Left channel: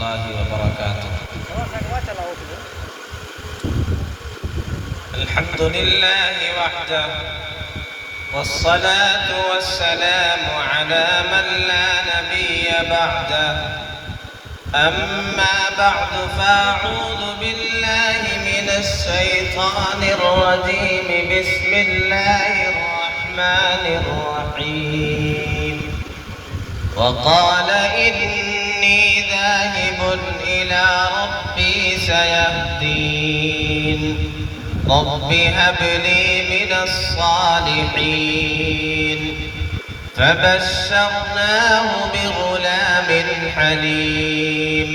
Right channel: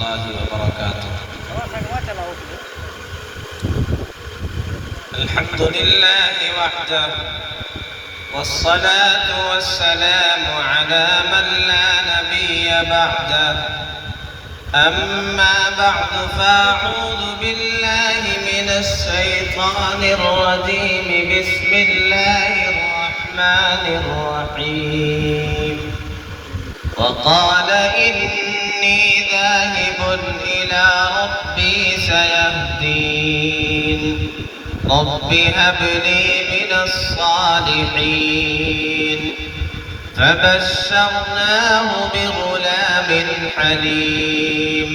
الله وبركاته. الحمد لله وحده، والصلاة والسلام على من لا نبي بعده. أما بعد، فأعوذ بالله من الشيطان الرجيم. بسم الله الرحمن الرحيم. وقال إني ذاهب إلى ربي سيهدين. رب هب لي من الصالحين. فبشرناه بغلام حليم.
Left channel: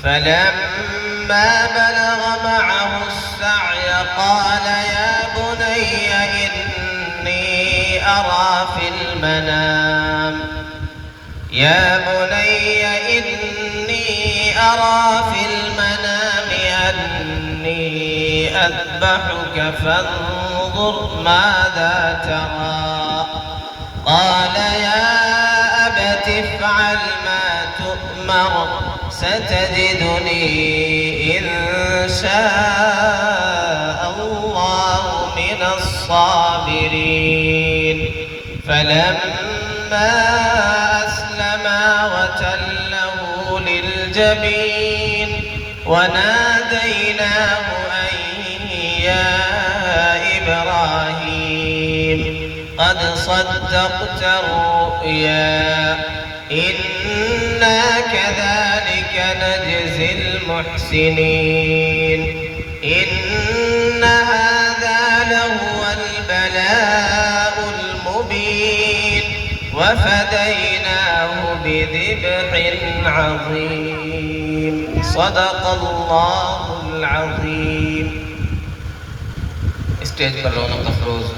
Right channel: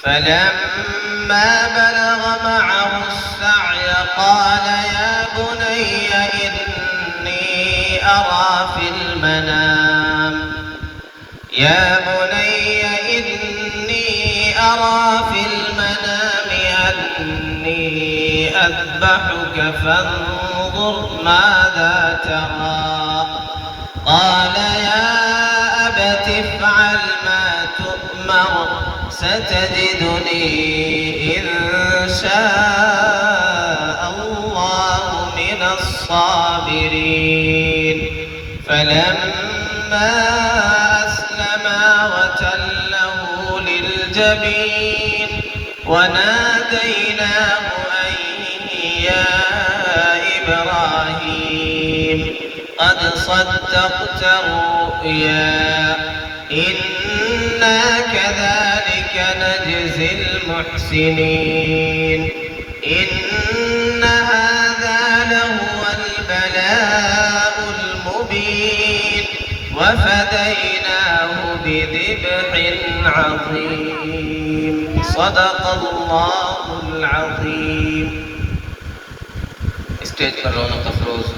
فلما بلغ معه السعي قال يا بني إني أرى في المنام أني أذبحك فانظر ماذا ترى. قال يا أبت افعل ما تؤمر، ستجدني إن شاء الله من الصابرين. فلما أسلما وتله للجبين وناديناه أن يا إبراهيم قد صدقت الرؤيا، إنا كذلك نجزي المحسنين. إن هذا لهو البلاء المبين، وفديناه بذبح عظيم. صدق الله العظيم. اسٹیج پر رونق افروز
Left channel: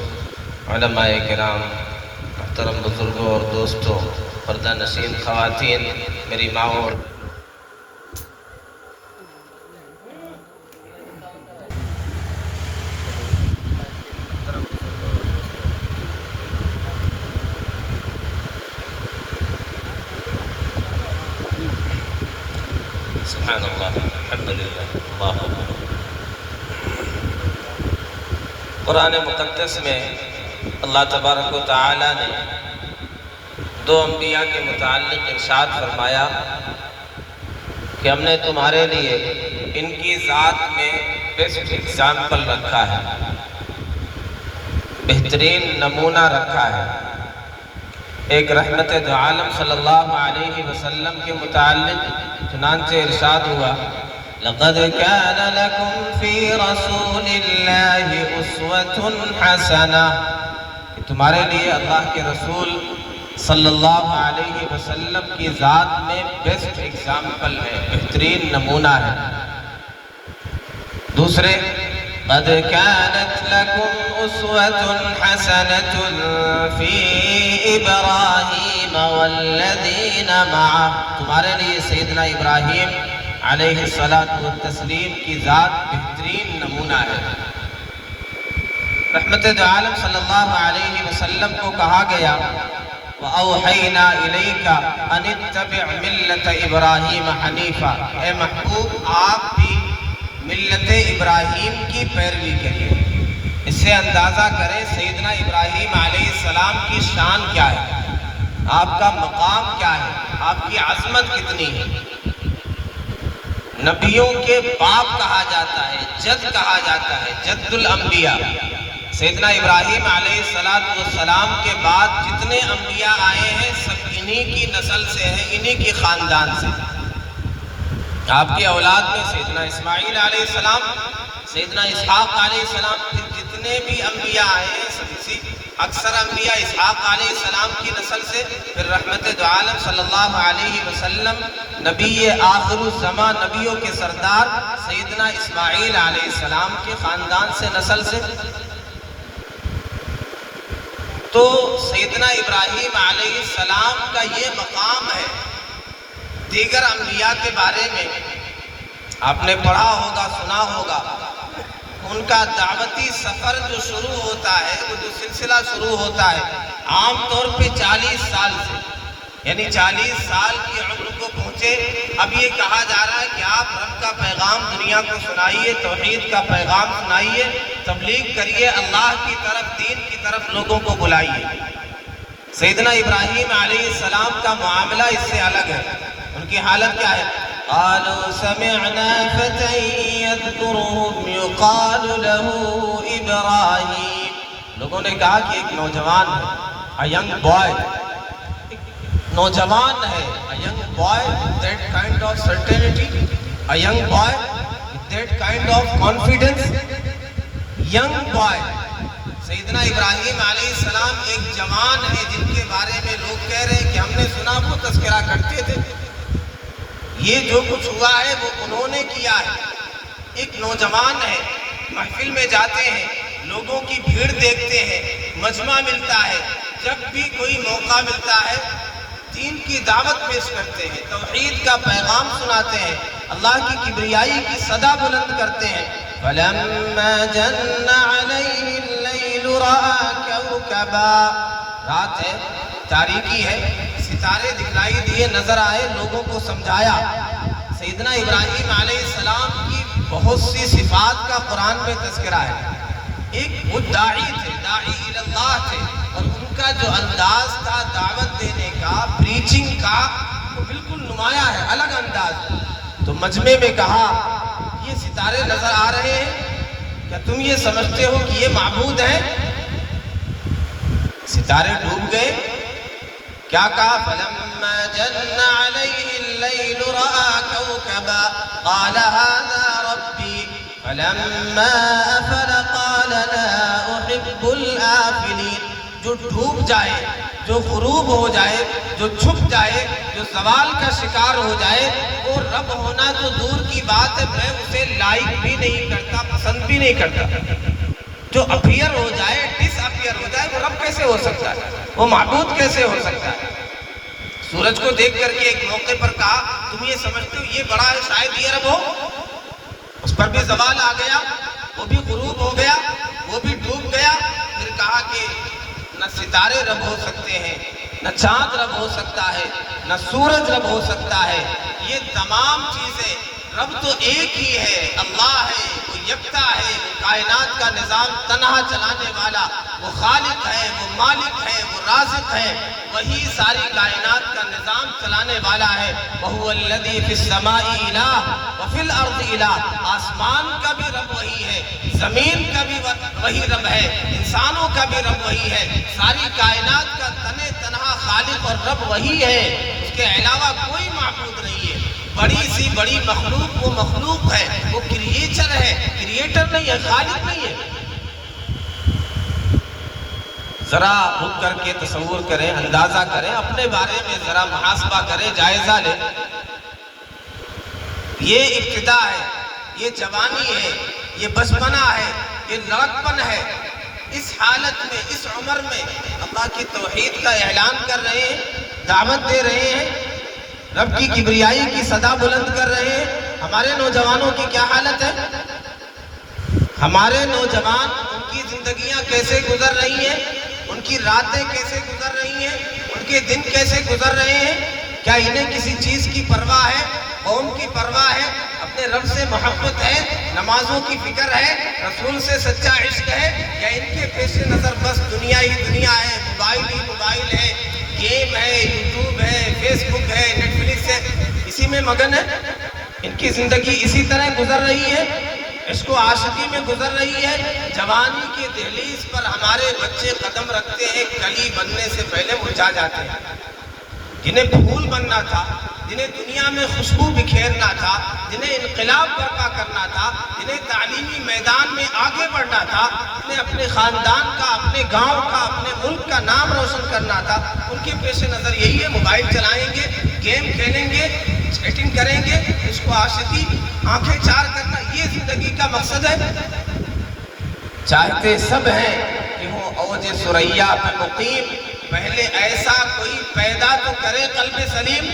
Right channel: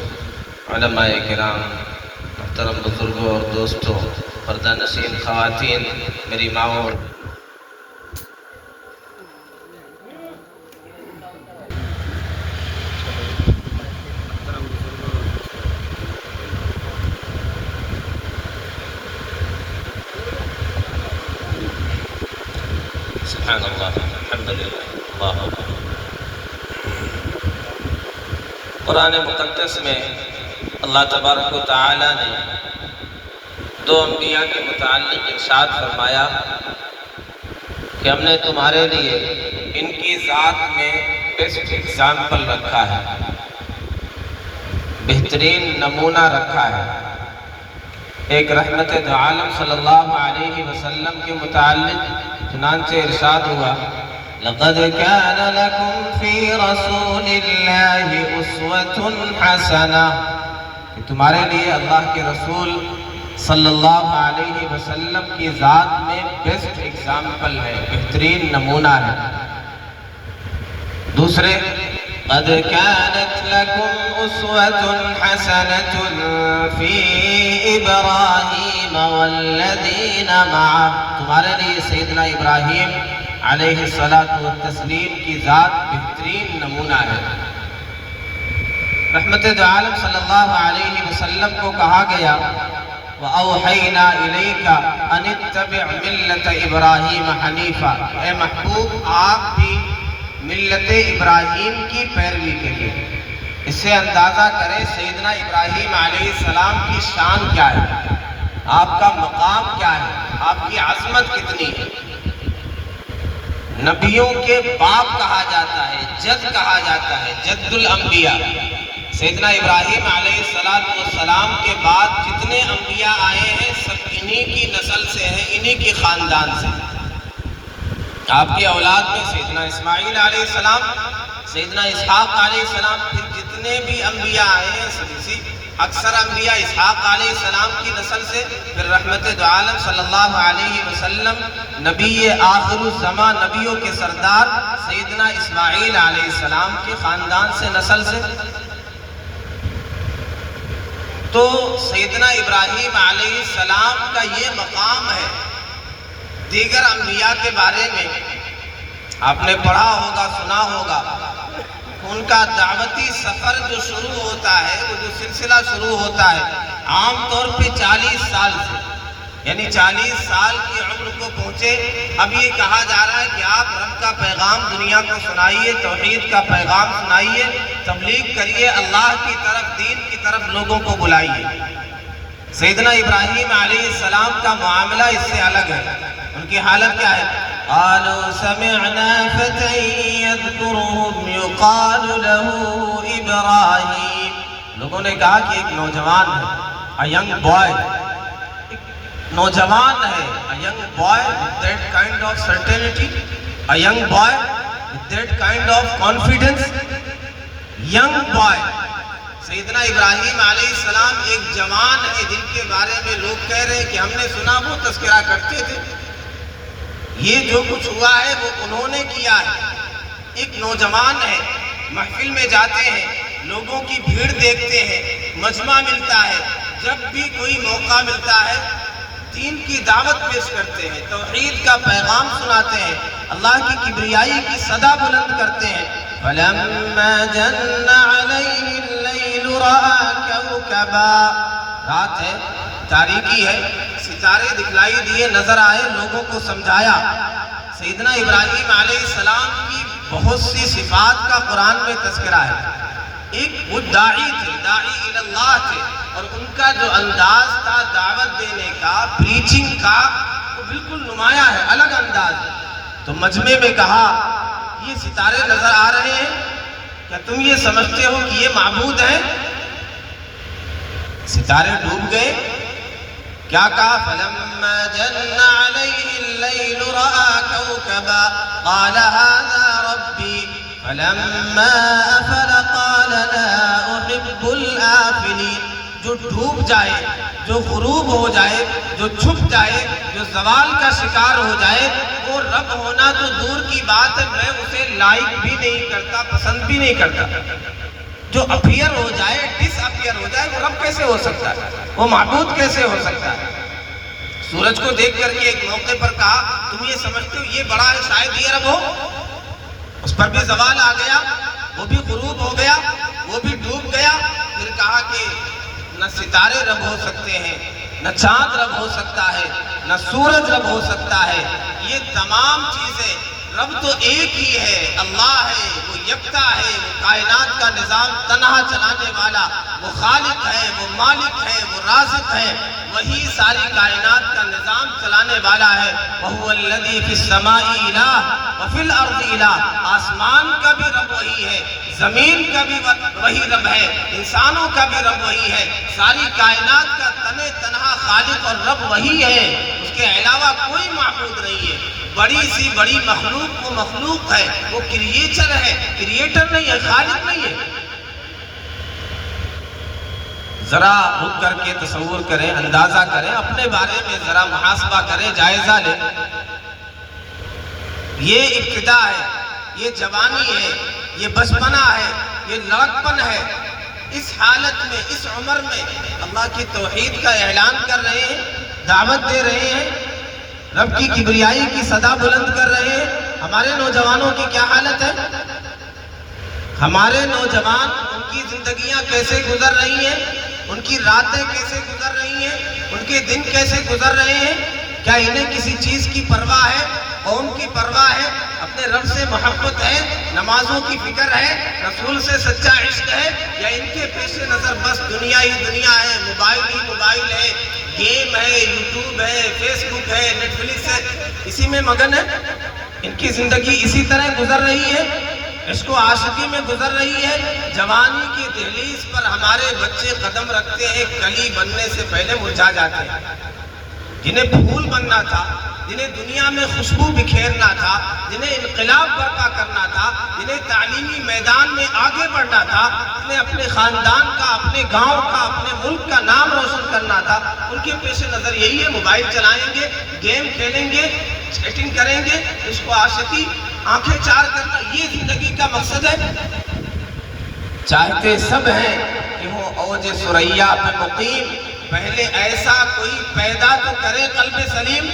علماء کرام، محترم بزرگوں اور دوستوں، پردہ نشین خواتین، میری ماؤں اور سبحان اللہ، الحمدللہ، اللہ اکبر۔ قرآن مقدس میں اللہ تبارک و تعالی نے دو انبیاء کے متعلق ارشاد فرمایا کہ ہم نے تمہارے لیے ان کی ذات میں بیسٹ ایگزامپل رکھا ہے، بہترین نمونہ رکھا ہے۔ ایک رحمت دو عالم صلی اللہ علیہ وسلم کے متعلق چنانچہ ارشاد ہوا لَقَدْ كَانَ لَكُمْ فِي رَسُولِ اللَّهِ أُسْوَةٌ حَسَنَةٌ، کہ تمہارے لیے اللہ کے رسول صلی اللہ علیہ وسلم کی ذات میں بیسٹ ایگزامپل ہے، بہترین نمونہ ہے۔ دوسرے قَدْ كَانَتْ لَكُمْ أُسْوَةٌ حَسَنَةٌ فِي إِبْرَاهِيمَ وَالَّذِينَ مَعَهُ، تمہارے لیے سیدنا ابراہیم علیہ السلام کی ذات بہترین نمونہ ہے۔ رحمت دو عالم صلی اللہ علیہ وسلم کو کہا گیا وَأَوْحَيْنَا إِلَيْكَ أَنِ اتَّبِعْ مِلَّةَ إِبْرَاهِيمَ حَنِيفًا، اے محبوب آپ بھی ملت ابراہیم کی پیروی کریے۔ اس سے اندازہ کریں سیدنا ابراہیم علیہ السلام کی شان کیا ہے، آپ کا مقام کیا ہے، آپ کی عظمت کتنی ہے۔ نبیوں کے باپ کہا جاتا ہے، جد کہا جاتا ہے، جد الانبیاء۔ سیدنا ابراہیم علیہ السلام کے بعد جتنے انبیاء آئے ہیں سب انہی کی نسل سے ہیں، انہی کی خاندان سے۔ آپ کی اولاد میں سیدنا اسماعیل علیہ السلام، سیدنا اسحاق علیہ السلام، پھر جتنے بھی انبیاء آئے ہیں سب اسی، اکثر انبیاء اسحاق علیہ السلام کی نسل سے، پھر رحمت دو عالم صلی اللہ علیہ وسلم نبی آخر الزمان، نبیوں کے سردار سیدنا اسماعیل علیہ السلام کے خاندان سے، نسل سے۔ تو سیدنا ابراہیم علیہ السلام کا یہ مقام ہے۔ دیگر انبیاء کے بارے میں آپ نے پڑھا ہوگا، سنا ہوگا، ان کا دعوتی سفر جو شروع ہوتا ہے، وہ جو سلسلہ شروع ہوتا ہے عام طور پہ 40 سال سے، یعنی 40 سال کی عمر کو پہنچے، اب یہ کہا جا رہا ہے کہ آپ رب کا پیغام دنیا کو سنائیے، توحید کا پیغام سنائیے، تبلیغ کریے، اللہ کی طرف، دین کی طرف لوگوں کو بلائیے۔ سیدنا ابراہیم علیہ السلام کا معاملہ اس سے الگ ہے۔ ان کی حالت کیا ہے؟ قالوا سمعنا فتى يذكرهم يقال له ابراہیم۔ لوگوں نے کہا کہ ایک نوجوان ہے، a young boy، نوجوان ہے، a young boy with that kind of certainty، a young boy with that kind of confidence، young boy۔ سیدنا ابراہیم علیہ السلام ایک جوان ہے جن کے بارے میں لوگ کہہ رہے ہیں کہ ہم نے سنا وہ تذکرہ کرتے تھے، یہ جو کچھ ہوا ہے وہ انہوں نے کیا ہے۔ ایک نوجوان ہے، محفل میں جاتے ہیں، لوگوں کی بھیڑ دیکھتے ہیں، مجمع ملتا ہے، جب بھی کوئی موقع ملتا ہے دین کی دعوت پیش کرتے ہیں، توحید کا پیغام سناتے ہیں، اللہ کی کبریائی کی صدا بلند کرتے ہیں۔ فَلَمَّا جَنَّ عَلَيْهِ اللَّيْلُ رَأَى كَوْكَبًا، رات ہے، تاریکی ہے، ستارے دکھلائی دیے، نظر آئے، لوگوں کو سمجھایا۔ سیدنا ابراہیم علیہ السلام کی بہت سی صفات کا قرآن میں تذکرہ ہے۔ ایک وہ داعی تھے، داعی اللہ تھے، اور ان کا جو انداز تھا دعوت دینے کا، پریچنگ کا، وہ بالکل نمایاں ہے، الگ انداز۔ تو مجمع میں کہا یہ ستارے نظر آ رہے ہیں، کیا تم یہ سمجھتے ہو کہ یہ معبود ہیں؟ ستارے ڈوب گئے، کیا کہا؟ فَلَمَّا جَنَّ عَلَيْهِ اللَّيْلُ رَأَى كَوْكَبًا قَالَ هَذَا رَبِّي فَلَمَّا أَفَلَ قَالَ لَا أُحِبُّ الْآفِلِينَ۔ جو ڈوب جائے، جو غروب ہو جائے، جو چھپ جائے، جو زوال کا شکار ہو جائے، وہ رب ہونا تو دور کی بات ہے، میں اسے لائک بھی نہیں کرتا، پسند بھی نہیں کرتا۔ جو اپیئر ہو جائے، ڈس اپیئر ہو جائے، وہ رب کیسے ہو سکتا ہے؟ وہ معبود کیسے ہو سکتا ہے؟ سورج کو دیکھ کر کے ایک موقع پر کہا تم یہ سمجھتے ہو یہ بڑا ہے، شاید یہ رب ہو؟ اس پر بھی زوال آ گیا، وہ بھی غروب ہو گیا، وہ بھی ڈوب گیا۔ پھر کہا کہ نہ ستارے رب ہو سکتے ہیں، نہ چاند رب ہو سکتا ہے، نہ سورج رب ہو سکتا ہے، یہ تمام چیزیں رب تو ایک ہی ہے، اللہ ہے، وہ یکتا ہے، وہ کائنات کا نظام تنہا چلانے والا، وہ خالق ہے، وہ مالک ہے، وہ رازق ہے، وہی ساری کائنات کا نظام چلانے والا ہے۔ وَهُوَ الَّذِي فِي السَّمَاءِ إِلَٰهٌ وَفِي الْأَرْضِ إِلَٰهٌ، آسمان کا بھی رب وہی ہے، زمین کا بھی وہی رب ہے، انسانوں کا بھی رب وہی ہے، ساری کائنات کا تنہا خالق اور رب وہی ہے، اس کے علاوہ کوئی معبود نہیں ہے۔ بڑی سی بڑی مخلوق وہ مخلوق ہے، وہ کریٹر ہے، کریٹر نہیں ہے، خالق نہیں ہے۔ ذرا رک کر کے تصور کریں، اندازہ کریں، اپنے بارے میں ذرا محاسبہ کریں، جائزہ لیں۔ یہ ابتدا ہے، یہ جوانی ہے، یہ بچپنا ہے، یہ لڑکپن ہے، اس حالت میں، اس عمر میں اللہ کی توحید کا اعلان کر رہے ہیں، دعوت دے رہے ہیں، رب کی کبریائی کی صدا بلند کر رہے ہیں۔ ہمارے نوجوانوں کی کیا حالت ہے؟ ہمارے نوجوان، ان کی زندگیاں کیسے گزر رہی ہیں، ان کی راتیں کیسے گزر رہی ہیں، ان کے دن کیسے گزر رہے ہیں؟ کیا انہیں کسی چیز کی پرواہ ہے؟ قوم کی پرواہ ہے؟ اپنے رب سے محبت ہے؟ نمازوں کی فکر ہے؟ رسول سے سچا عشق ہے؟ یا ان کے پیش نظر بس دنیا ہی دنیا ہے، موبائل ہی موبائل ہے، گیم ہے، یوٹیوب ہے، فیس بک ہے، نیٹ فلکس ہے، اسی میں مگن ہے؟ ان کی زندگی اسی طرح گزر رہی ہے، عشق و عاشقی میں گزر رہی ہے۔ جوانی کی دہلیز پر ہمارے بچے قدم رکھتے ہیں، کلی بننے سے پہلے مرجھا جاتے ہیں۔ جنہیں پھول بننا تھا، جنہیں دنیا میں خوشبو بکھیرنا تھا، جنہیں انقلاب برپا کرنا تھا، جنہیں تعلیمی میدان میں آگے بڑھنا تھا، جنہیں اپنے خاندان کا، اپنے گاؤں کا، اپنے ملک کا نام روشن کرنا تھا، ان کے پیش نظر یہی ہے، موبائل چلائیں گے، گیم کھیلیں گے، چیٹنگ کریں گے، عشق و عاشقی، آنکھیں چار کرنا، یہ زندگی کا مقصد ہے۔ چاہتے سب ہیں کہ وہ اوج ثریا پہ مقیم، پہلے ایسا کوئی پیدا تو کرے قلب سلیم۔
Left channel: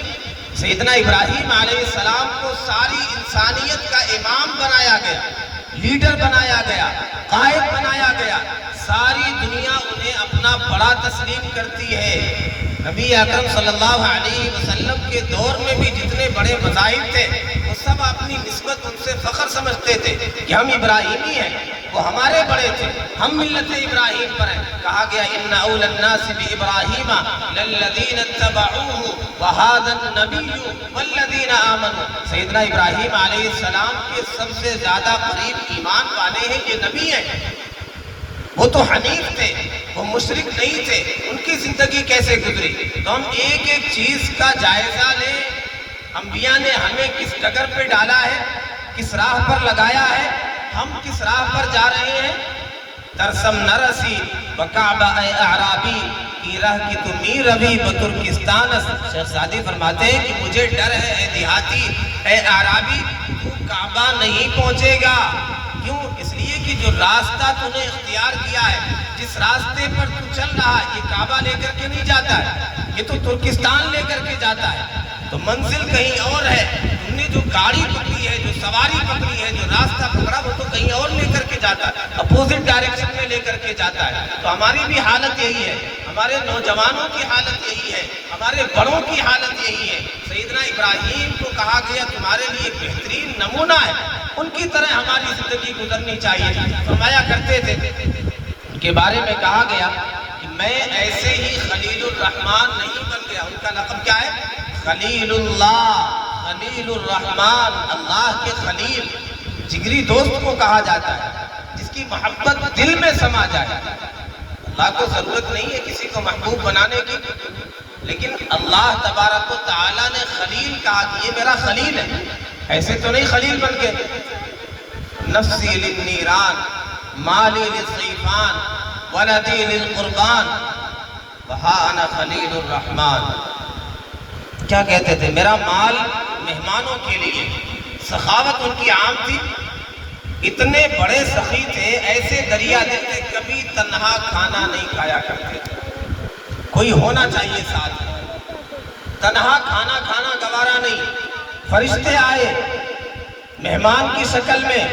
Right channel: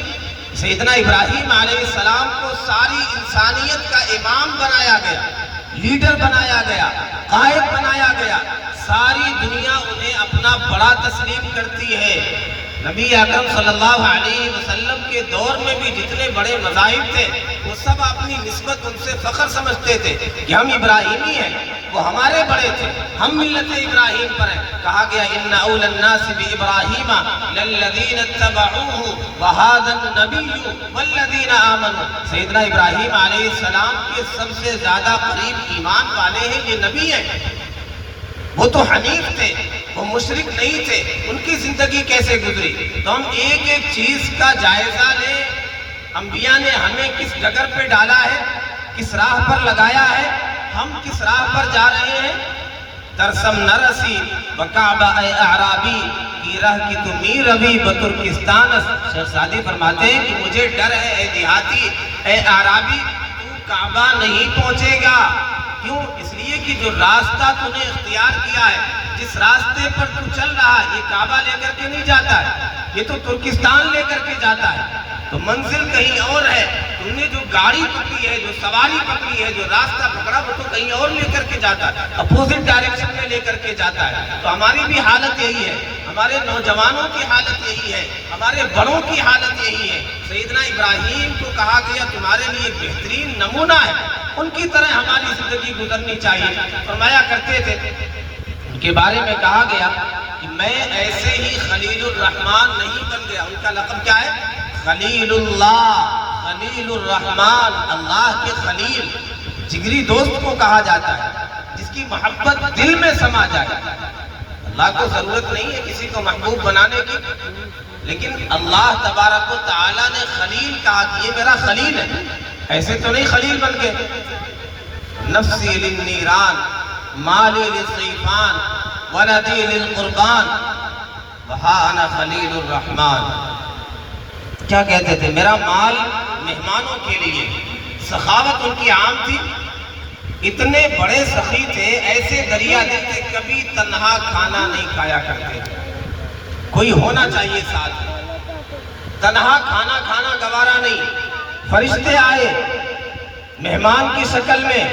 سیدنا ابراہیم علیہ السلام کو ساری انسانیت کا امام بنایا گیا، لیڈر بنایا گیا، قائد بنایا گیا، ساری دنیا انہیں اپنا بڑا تسلیم کرتی ہے۔ نبی اکرم صلی اللہ علیہ وسلم کے دور میں بھی جتنے بڑے مذاہب تھے وہ سب اپنی نسبت ان سے فخر سمجھتے تھے کہ ہم ابراہیمی ہیں، وہ ہمارے بڑے تھے، ہم ملت ابراہیم پر ہیں۔ کہا گیا ان اول الناس بابراہیم للذین اتبعوہ وہذا النبی والذین آمنوا، سیدنا ابراہیم علیہ السلام کے سب سے زیادہ قریب ایمان والے ہیں، یہ نبی ہیں۔ وہ تو حنیف تھے، وہ مشرک نہیں تھے، ان کی زندگی کیسے گزری؟ تو ہم ایک ایک چیز کا جائزہ لیں، انبیاء نے ہمیں کس ڈگر پہ ڈالا ہے، کس راہ پر لگایا ہے، ہم کس راہ پر جا رہے ہیں۔ ترسم نرسی بکعبہ اے اعرابی کی راہ کی تو میر روی بترکستان۔ شیخ سعدی فرماتے ہیں کہ مجھے ڈر ہے اے دیہاتی، اے اعرابی، تو کعبہ نہیں پہنچے گا۔ کیوں؟ اس لیے کہ جو راستہ تو نے اختیار کیا ہے، جس راستے پر تو چل رہا ہے، یہ کعبہ لے کر کے نہیں جاتا ہے، یہ تو ترکستان لے کر کے جاتا ہے، تو منزل کہیں اور ہے۔ تم نے جو گاڑی پکڑی ہے، جو سواری پکڑی ہے، جو راستہ پکڑا، وہ تو کہیں اور لے کر کے جاتا ہے، اپوزٹ ڈائریکشن میں لے کر کے جاتا ہے۔ تو ہماری بھی حالت یہی ہے، ہمارے نوجوانوں کی حالت یہی ہے، ہمارے بڑوں کی حالت یہی ہے۔ سیدنا ابراہیم کو کہا گیا تمہارے لیے بہترین نمونہ ہے، ان کی طرح ہماری زندگی گزرنی چاہیے۔ فرمایا کرتے تھے، ان کے بارے میں کہا گیا کہ میں ایسے ہی خلیل الرحمن نہیں بن گیا۔ ان کا لقب کیا ہے؟ خلیل اللہ، خلیل الرحمن، اللہ کے خلیل، جگری دوست کو کہا جاتا ہے، جس کی محبت دل میں سما جائے۔ اللہ کو ضرورت نہیں ہے کسی کو محبوب بنانے کی، لیکن اللہ تبارک و تعالیٰ نے خلیل کہا کہ یہ میرا خلیل ہے، ایسے تو نہیں خلیل بن کے۔ نفسی للنیران مالی للصیفان ولدی للقربان وہا انا خلیل الرحمن۔ کیا کہتے تھے؟ میرا مال مہمانوں کے لیے، سخاوت ان کی عام تھی، اتنے بڑے سخی تھے، ایسے دریا دیتے، کبھی تنہا کھانا نہیں کھایا کرتے، کوئی ہونا چاہیے ساتھ، تنہا کھانا کھانا گوارا نہیں۔ فرشتے آئے مہمان کی شکل میں،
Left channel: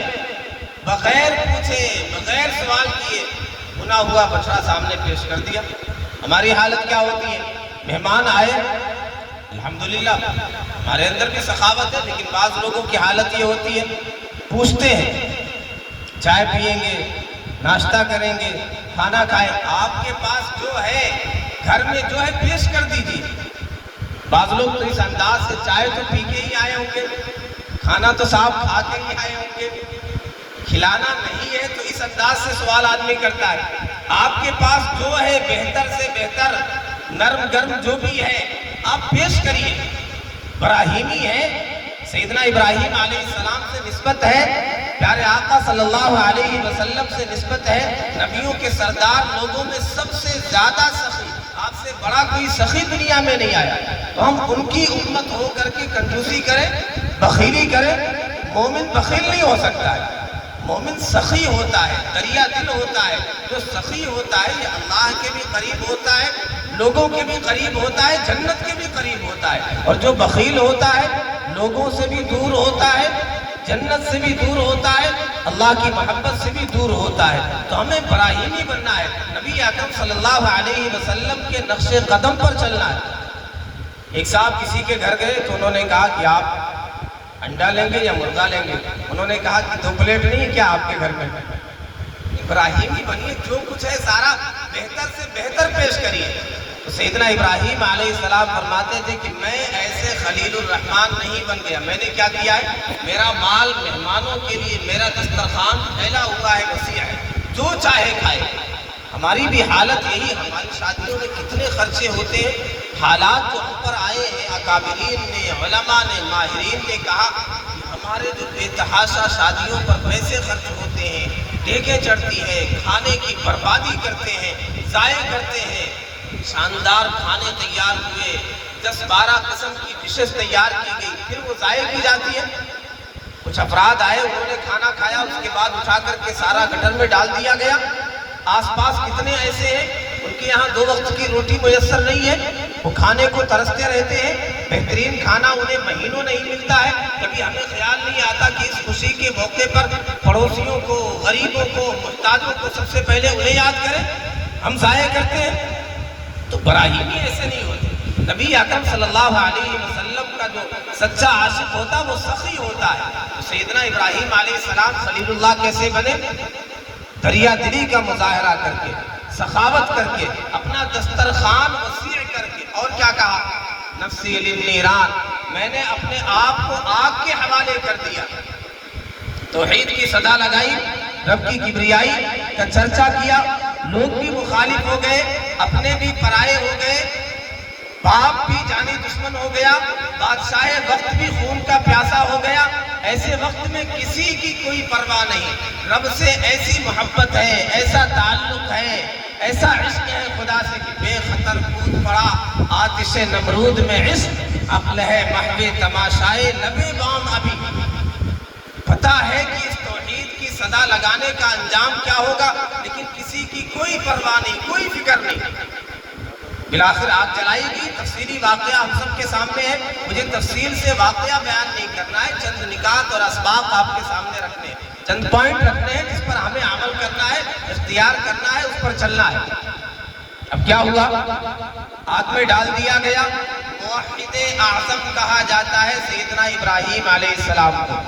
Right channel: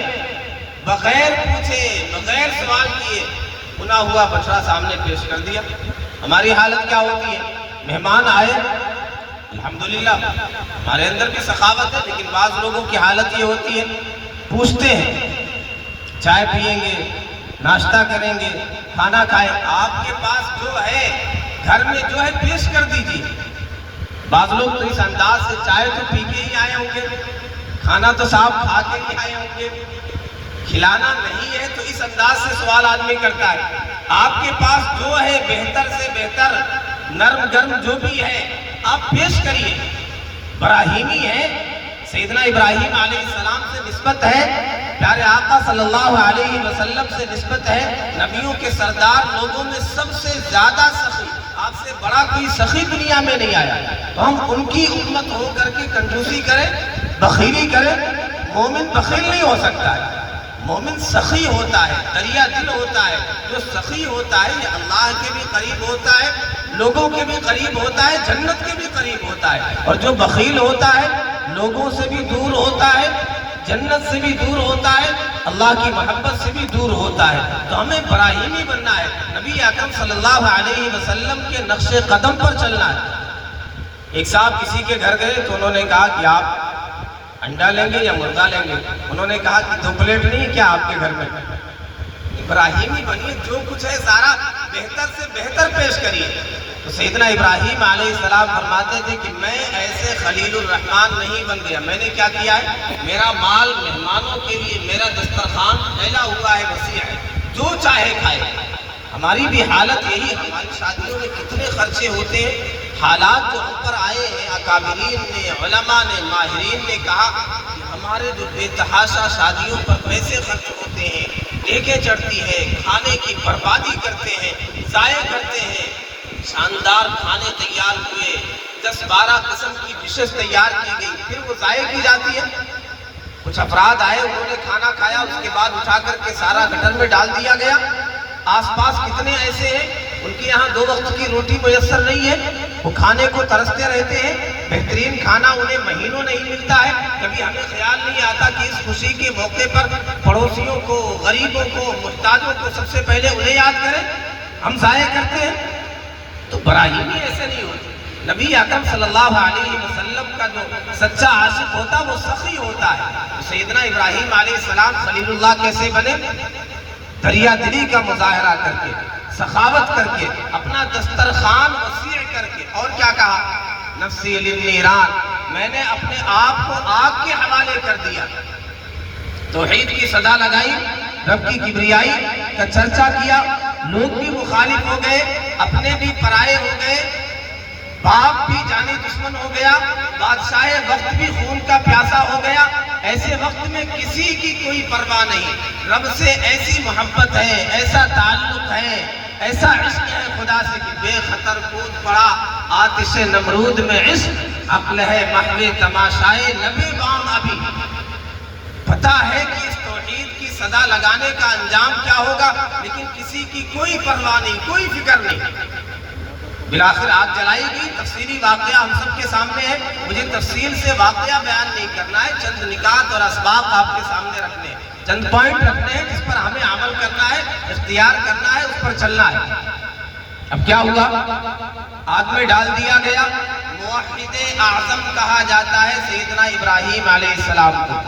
بغیر پوچھے، بغیر سوال کیے، بنا ہوا بچڑا سامنے پیش کر دیا۔ ہماری حالت کیا ہوتی ہے؟ مہمان آئے، الحمدللہ ہمارے اندر بھی سخاوت ہے، لیکن بعض لوگوں کی حالت یہ ہوتی ہے، پوچھتے ہیں چائے پیئیں گے، ناشتہ کریں گے، کھانا کھائیں، آپ کے پاس جو ہے گھر میں جو ہے پیش کر دیجیے۔ بعض لوگ تو اس انداز سے چائے تو پی کے ہی آئے ہوں گے، کھانا تو صاحب کھا کے ہی آئے ہوں گے، کھلانا نہیں ہے تو اس انداز سے سوال آدمی کرتا ہے۔ آپ کے پاس جو ہے بہتر سے بہتر، نرم گرم جو بھی ہے آپ پیش کریے۔ ابراہیمی ہے، سیدنا ابراہیم علیہ السلام سے نسبت ہے، پیارے آقا صلی اللہ علیہ وسلم سے نسبت ہے، نبیوں کے سردار، لوگوں میں سب سے زیادہ سخی، آپ سے بڑا کوئی سخی دنیا میں نہیں آیا۔ تو ہم ان کی امت ہو کر کے کنجوسی کریں، بخیلی کریں؟ مومن بخیل نہیں ہو سکتا ہے، مومن سخی ہوتا ہے، دریا دل ہوتا ہے۔ جو سخی ہوتا ہے یہ اللہ کے بھی قریب ہوتا ہے، لوگوں کے بھی قریب ہوتا ہے، جنت کے بھی قریب ہوتا ہے۔ اور جو بخیل ہوتا ہے لوگوں سے بھی دور ہوتا ہے، جنت سے بھی دور ہوتا ہے، اللہ کی محبت سے بھی دور ہوتا ہے۔ تو ہمیں ابراہیمی بننا ہے، نبی اکرم صلی اللہ علیہ وسلم کے نقش قدم پر چلنا ہے۔ ایک صاحب کسی کے گھر گئے تو انہوں نے کہا کہ آپ انڈا لیں گے یا مرغا لیں گے؟ انہوں نے کہا کہ 2 پلیٹ نہیں ہے کیا آپ کے گھر میں؟ ابراہیمی بنیے، جو کچھ ہے سارا بہتر سے بہتر پیش کریے۔ تو سیدنا ابراہیم علیہ السلام فرماتے تھے کہ میں ایسے خلیل الرحمن نہیں بن گیا، میں نے کیا کیا ہے؟ میرا مال مہمانوں کے لیے، میرا دسترخوان پھیلا ہوا ہے، وسیع ہے، جو چاہے کھائے۔ ہماری بھی حالت یہی، ہماری شادیوں میں کتنے خرچے ہوتے ہیں، حالات جو ہم پر آئے ہیں، اکابرین نے، علماء نے، ماہرین نے کہا کہ ہمارے جو بے تحاشا شادیوں پر پیسے خرچ ہوتے ہیں، دیگیں چڑھتی ہیں، کھانے کی بربادی کرتے ہیں، ضائع کرتے ہیں، شاندار کھانے تیار ہوئے، 10-12 قسم کی ڈشز تیار کی گئی، پھر وہ ضائع کی جاتی ہے۔ کچھ افراد آئے، انہوں نے کھانا کھایا، اس کے بعد اٹھا کر کے سارا گٹر میں ڈال دیا گیا۔ آس پاس کتنے ایسے ہیں ان کے یہاں 2 وقت کی روٹی میسر نہیں ہے، وہ کھانے کو ترستے رہتے ہیں، بہترین کھانا انہیں مہینوں نہیں ملتا ہے۔ کبھی ہمیں خیال نہیں آتا کہ اس خوشی کے موقع پر پڑوسیوں کو، غریبوں کو، محتاجوں کو سب سے پہلے انہیں یاد کریں، ہم ضائع کرتے ہیں۔ تو براہیمی ایسے نہیں ہوتے. نبی اکرم صلی اللہ علیہ وسلم کا جو سچا عاشق ہوتا وہ سخی ہوتا ہے. سیدنا ابراہیم علیہ السلام خلیل اللہ کیسے بنے؟ دریا دلی کا مظاہرہ کر کے، سخاوت کر کے، اپنا دسترخوان وسیع کر کے، اور کیا کہا؟ نفسی للنیران، میں نے اپنے آپ کو آگ کے حوالے کر دیا. توحید کی صدا لگائی، رب کی کبریائی کا چرچا کیا، لوگ بھی مخالف ہو گئے، اپنے بھی پرائے ہو گئے، باپ بھی جانی دشمن ہو گیا، بادشاہ وقت بھی خون کا پیاسا ہو گیا. ایسے وقت میں کسی کی کوئی پرواہ نہیں. رب سے ایسی محبت ہے، ایسا تعلق ہے، ایسا عشق ہے خدا سے کہ بے خطر کود پڑا آتش نمرود میں عشق، عقل ہے محو تماشائے لبے بام ابھی. پتہ ہے کہ اس توحید کی صدا لگانے کا انجام کیا ہوگا، لیکن کسی کی کوئی پرواہ نہیں، کوئی فکر نہیں. بالآخر آگ جلائی گئی. تفصیلی واقعہ ہم سب کے سامنے ہے، مجھے تفصیل سے واقعہ بیان نہیں کرنا ہے، چند نکات اور اسباب آپ کے سامنے رکھنے ہیں، چند پوائنٹ رکھنے ہیں جس پر ہمیں عمل کرنا ہے، اختیار کرنا ہے، اس پر چلنا ہے. اب کیا ہوا؟ آگ میں ڈال دیا گیا. موحد اعظم کہا جاتا ہے سیدنا ابراہیم علیہ السلام کو،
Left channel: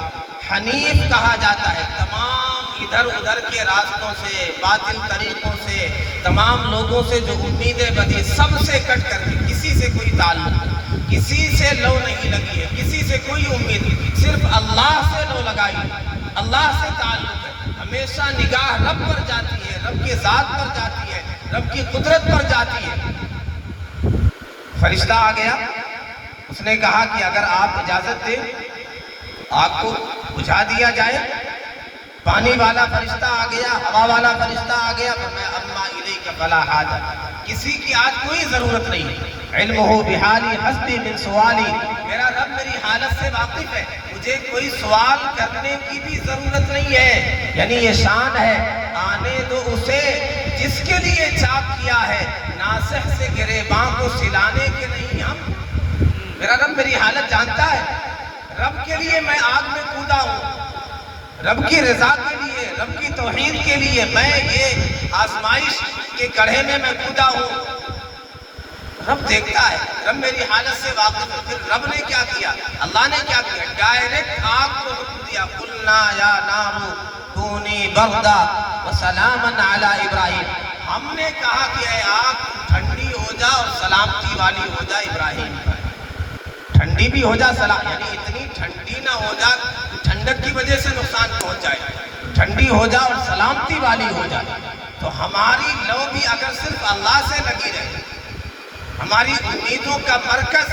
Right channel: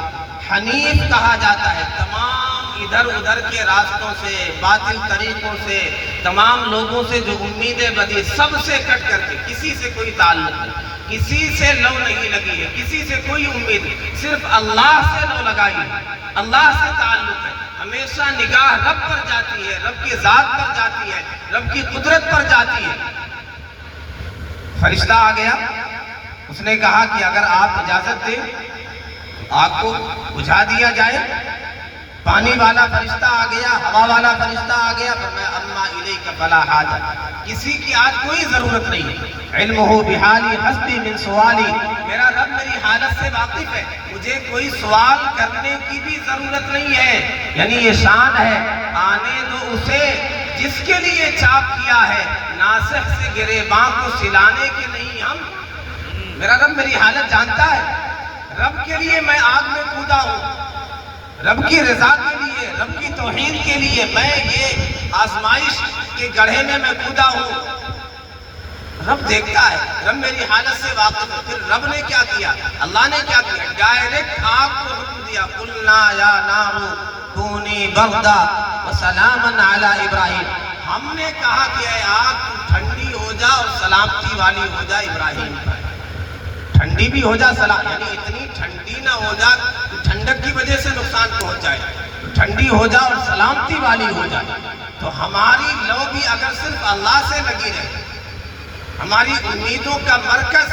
حنیف کہا جاتا ہے. تمام ادھر ادھر کے راستوں سے، باطل طریقوں سے، تمام لوگوں سے جو امیدیں بدھی، سب سے کٹ کر کے، کسی سے کوئی تعلق نہیں، کسی سے لو نہیں لگی ہے، کسی سے کوئی امید نہیں، صرف اللہ سے لو لگائی، اللہ سے تعلق ہے. ہمیشہ نگاہ رب پر جاتی ہے، رب کی ذات پر جاتی ہے، رب کی قدرت پر جاتی ہے. فرشتہ آ گیا، اس نے کہا کہ اگر آپ اجازت دیں آگ کو بجھا دیا جائے. پانی والا فرشتہ آ گیا، ہوا والا فرشتہ آ گیا، فرمایا اما الیک فلا حاجہ، کسی کی آج کوئی ضرورت نہیں ہے. علمہ بحالی حسبی من سوالی، میرا رب میری حالت سے واقف ہے، مجھے کوئی سوال کرنے کی بھی ضرورت نہیں ہے. یعنی یہ شان ہے، آنے دو اسے جس کے لیے چاپ کیا ہے، ناصح سے گریباں کو سلانے کے نہیں ہم. میرا رب میری حالت جانتا ہے، رب کے لیے میں آگ میں کودا ہوں، رب کی رضا کے لیے، رب کی توحید کے لیے میں یہ آزمائش کے گڑھے میں کودا ہوں. رب دیکھتا ہے، رب میری حالت سے واقف ہے. پھر رب نے کیا کیا؟ اللہ نے کیا کیا؟ ڈائریکٹ آگ کو حکم دیا، قلنا یا نار کونی بردا وسلاما علی ابراہیم. ہم نے کہا کہ اے آگ ٹھنڈی ہو جا اور سلامتی والی ہو جا ابراہیم پر. ٹھنڈی بھی ہو جا، سلام، یعنی اتنی ٹھنڈی نہ ہو جا ٹھنڈک کی وجہ سے نقصان پہنچ جائے، ٹھنڈی ہو جا اور سلامتی والی ہو جائے. تو ہماری لو بھی اگر صرف اللہ سے لگی رہے، ہماری امیدوں کا مرکز،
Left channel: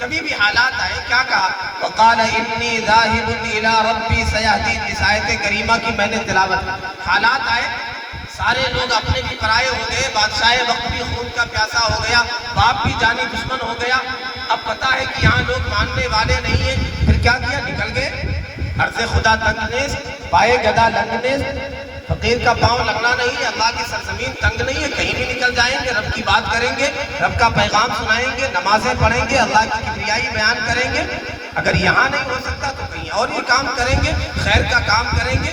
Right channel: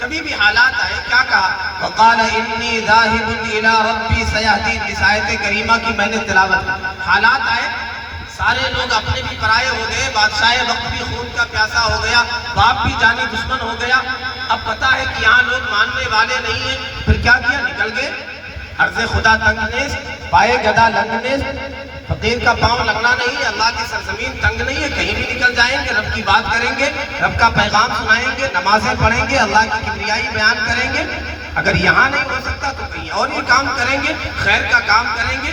کبھی بھی حالات آئے، کیا کہا؟ وقال انی ذاہب الی ربی سیہدین. اس آیت کریمہ کی میں نے تلاوت کی. حالات آئے، سارے لوگ اپنے بھی پرائے ہو گئے، بادشاہ وقت بھی خون کا پیاسا ہو گیا، باپ بھی جانی دشمن ہو گیا. اب پتہ ہے کہ یہاں لوگ ماننے والے نہیں ہیں. پھر کیا کیا؟ نکل گئے. عرض خدا تنگ نیز، پائے گدا لنگ نیز. فقیر کا پاؤں لگنا نہیں ہے، اللہ کی سرزمین تنگ نہیں ہے، کہیں بھی نکل جائیں گے، رب کی بات کریں گے، رب کا پیغام سنائیں گے، نمازیں پڑھیں گے، اللہ کی کبریائی بیان کریں گے. اگر یہاں نہیں ہو سکتا تو کہیں اور یہ کام کریں گے، خیر کا کام کریں گے.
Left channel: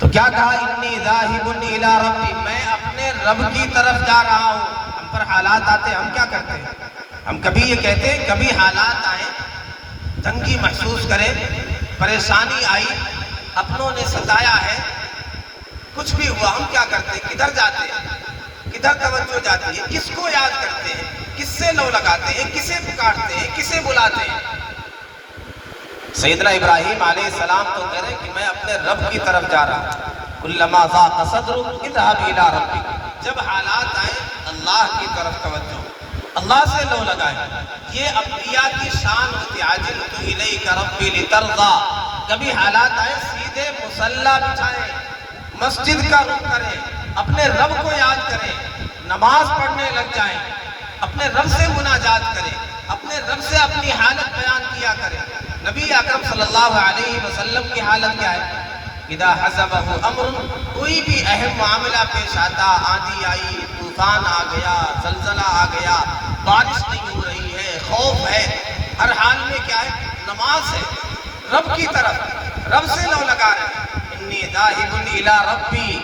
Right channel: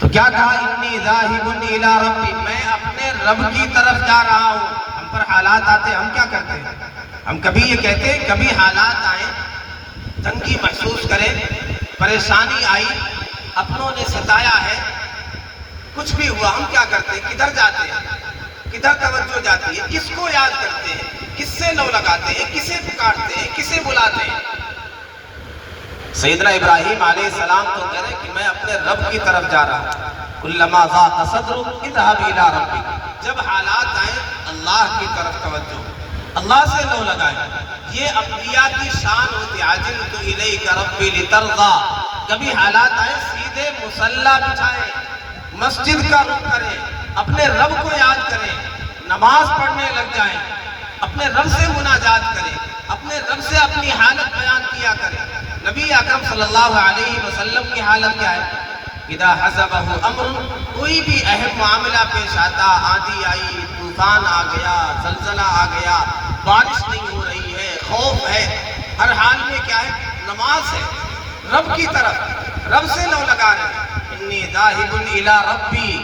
تو کیا کہا؟ انی ذاہب الی ربی، میں اپنے رب کی طرف جا رہا ہوں. ہم پر حالات آتے، ہم کیا کرتے ہیں؟ ہم کبھی یہ کہتے ہیں، کبھی حالات آئے، تنگی محسوس کریں، پریشانی آئی، اپنوں نے ستایا ہے، کچھ بھی ہوا، ہم کیا کرتے ہیں؟ کدھر جاتے ہیں؟ کدھر توجہ جاتی ہے؟ کس کو یاد کرتے ہیں؟ کس سے لو لگاتے ہیں؟ کسے پکارتے ہیں؟ کسے بلاتے ہیں؟ سیدنا ابراہیم علیہ السلام تو کہہ رہے کہ میں اپنے رب کی طرف جا رہا ہوں. کلما ضاق صدرک اذهب الی ربک. جب حالات آئے اللہ کی طرف توجہ، اللہ سے لو لگائیں. یہ انبیاء کی شان ہوتی ہے. عجلت الیک ربی لترضی. کبھی حالات آئے سیدھے مصلی بچھائیں، مسجد کا رخ کریں، اپنے رب کو یاد کریں، نماز پڑھنے لگ جائیں، اپنے رب سے مناجات کریں، اپنے رب سے اپنی حالت بیان کیا کریں. نبی اکرم صلی اللہ علیہ وسلم کی حالت کیا ہے؟ اذا حزبہ امر، کوئی بھی اہم معاملہ پیش آتا، آندھی آئی، طوفان آ گیا، زلزلہ آ گیا، بارش نہیں ہو رہی ہے، خوف ہے، ہر حال میں کیا ہے؟ نماز ہے، رب کی طرف، رب سے لو لگا رہے ہیں. انی ذاہب الی ربی،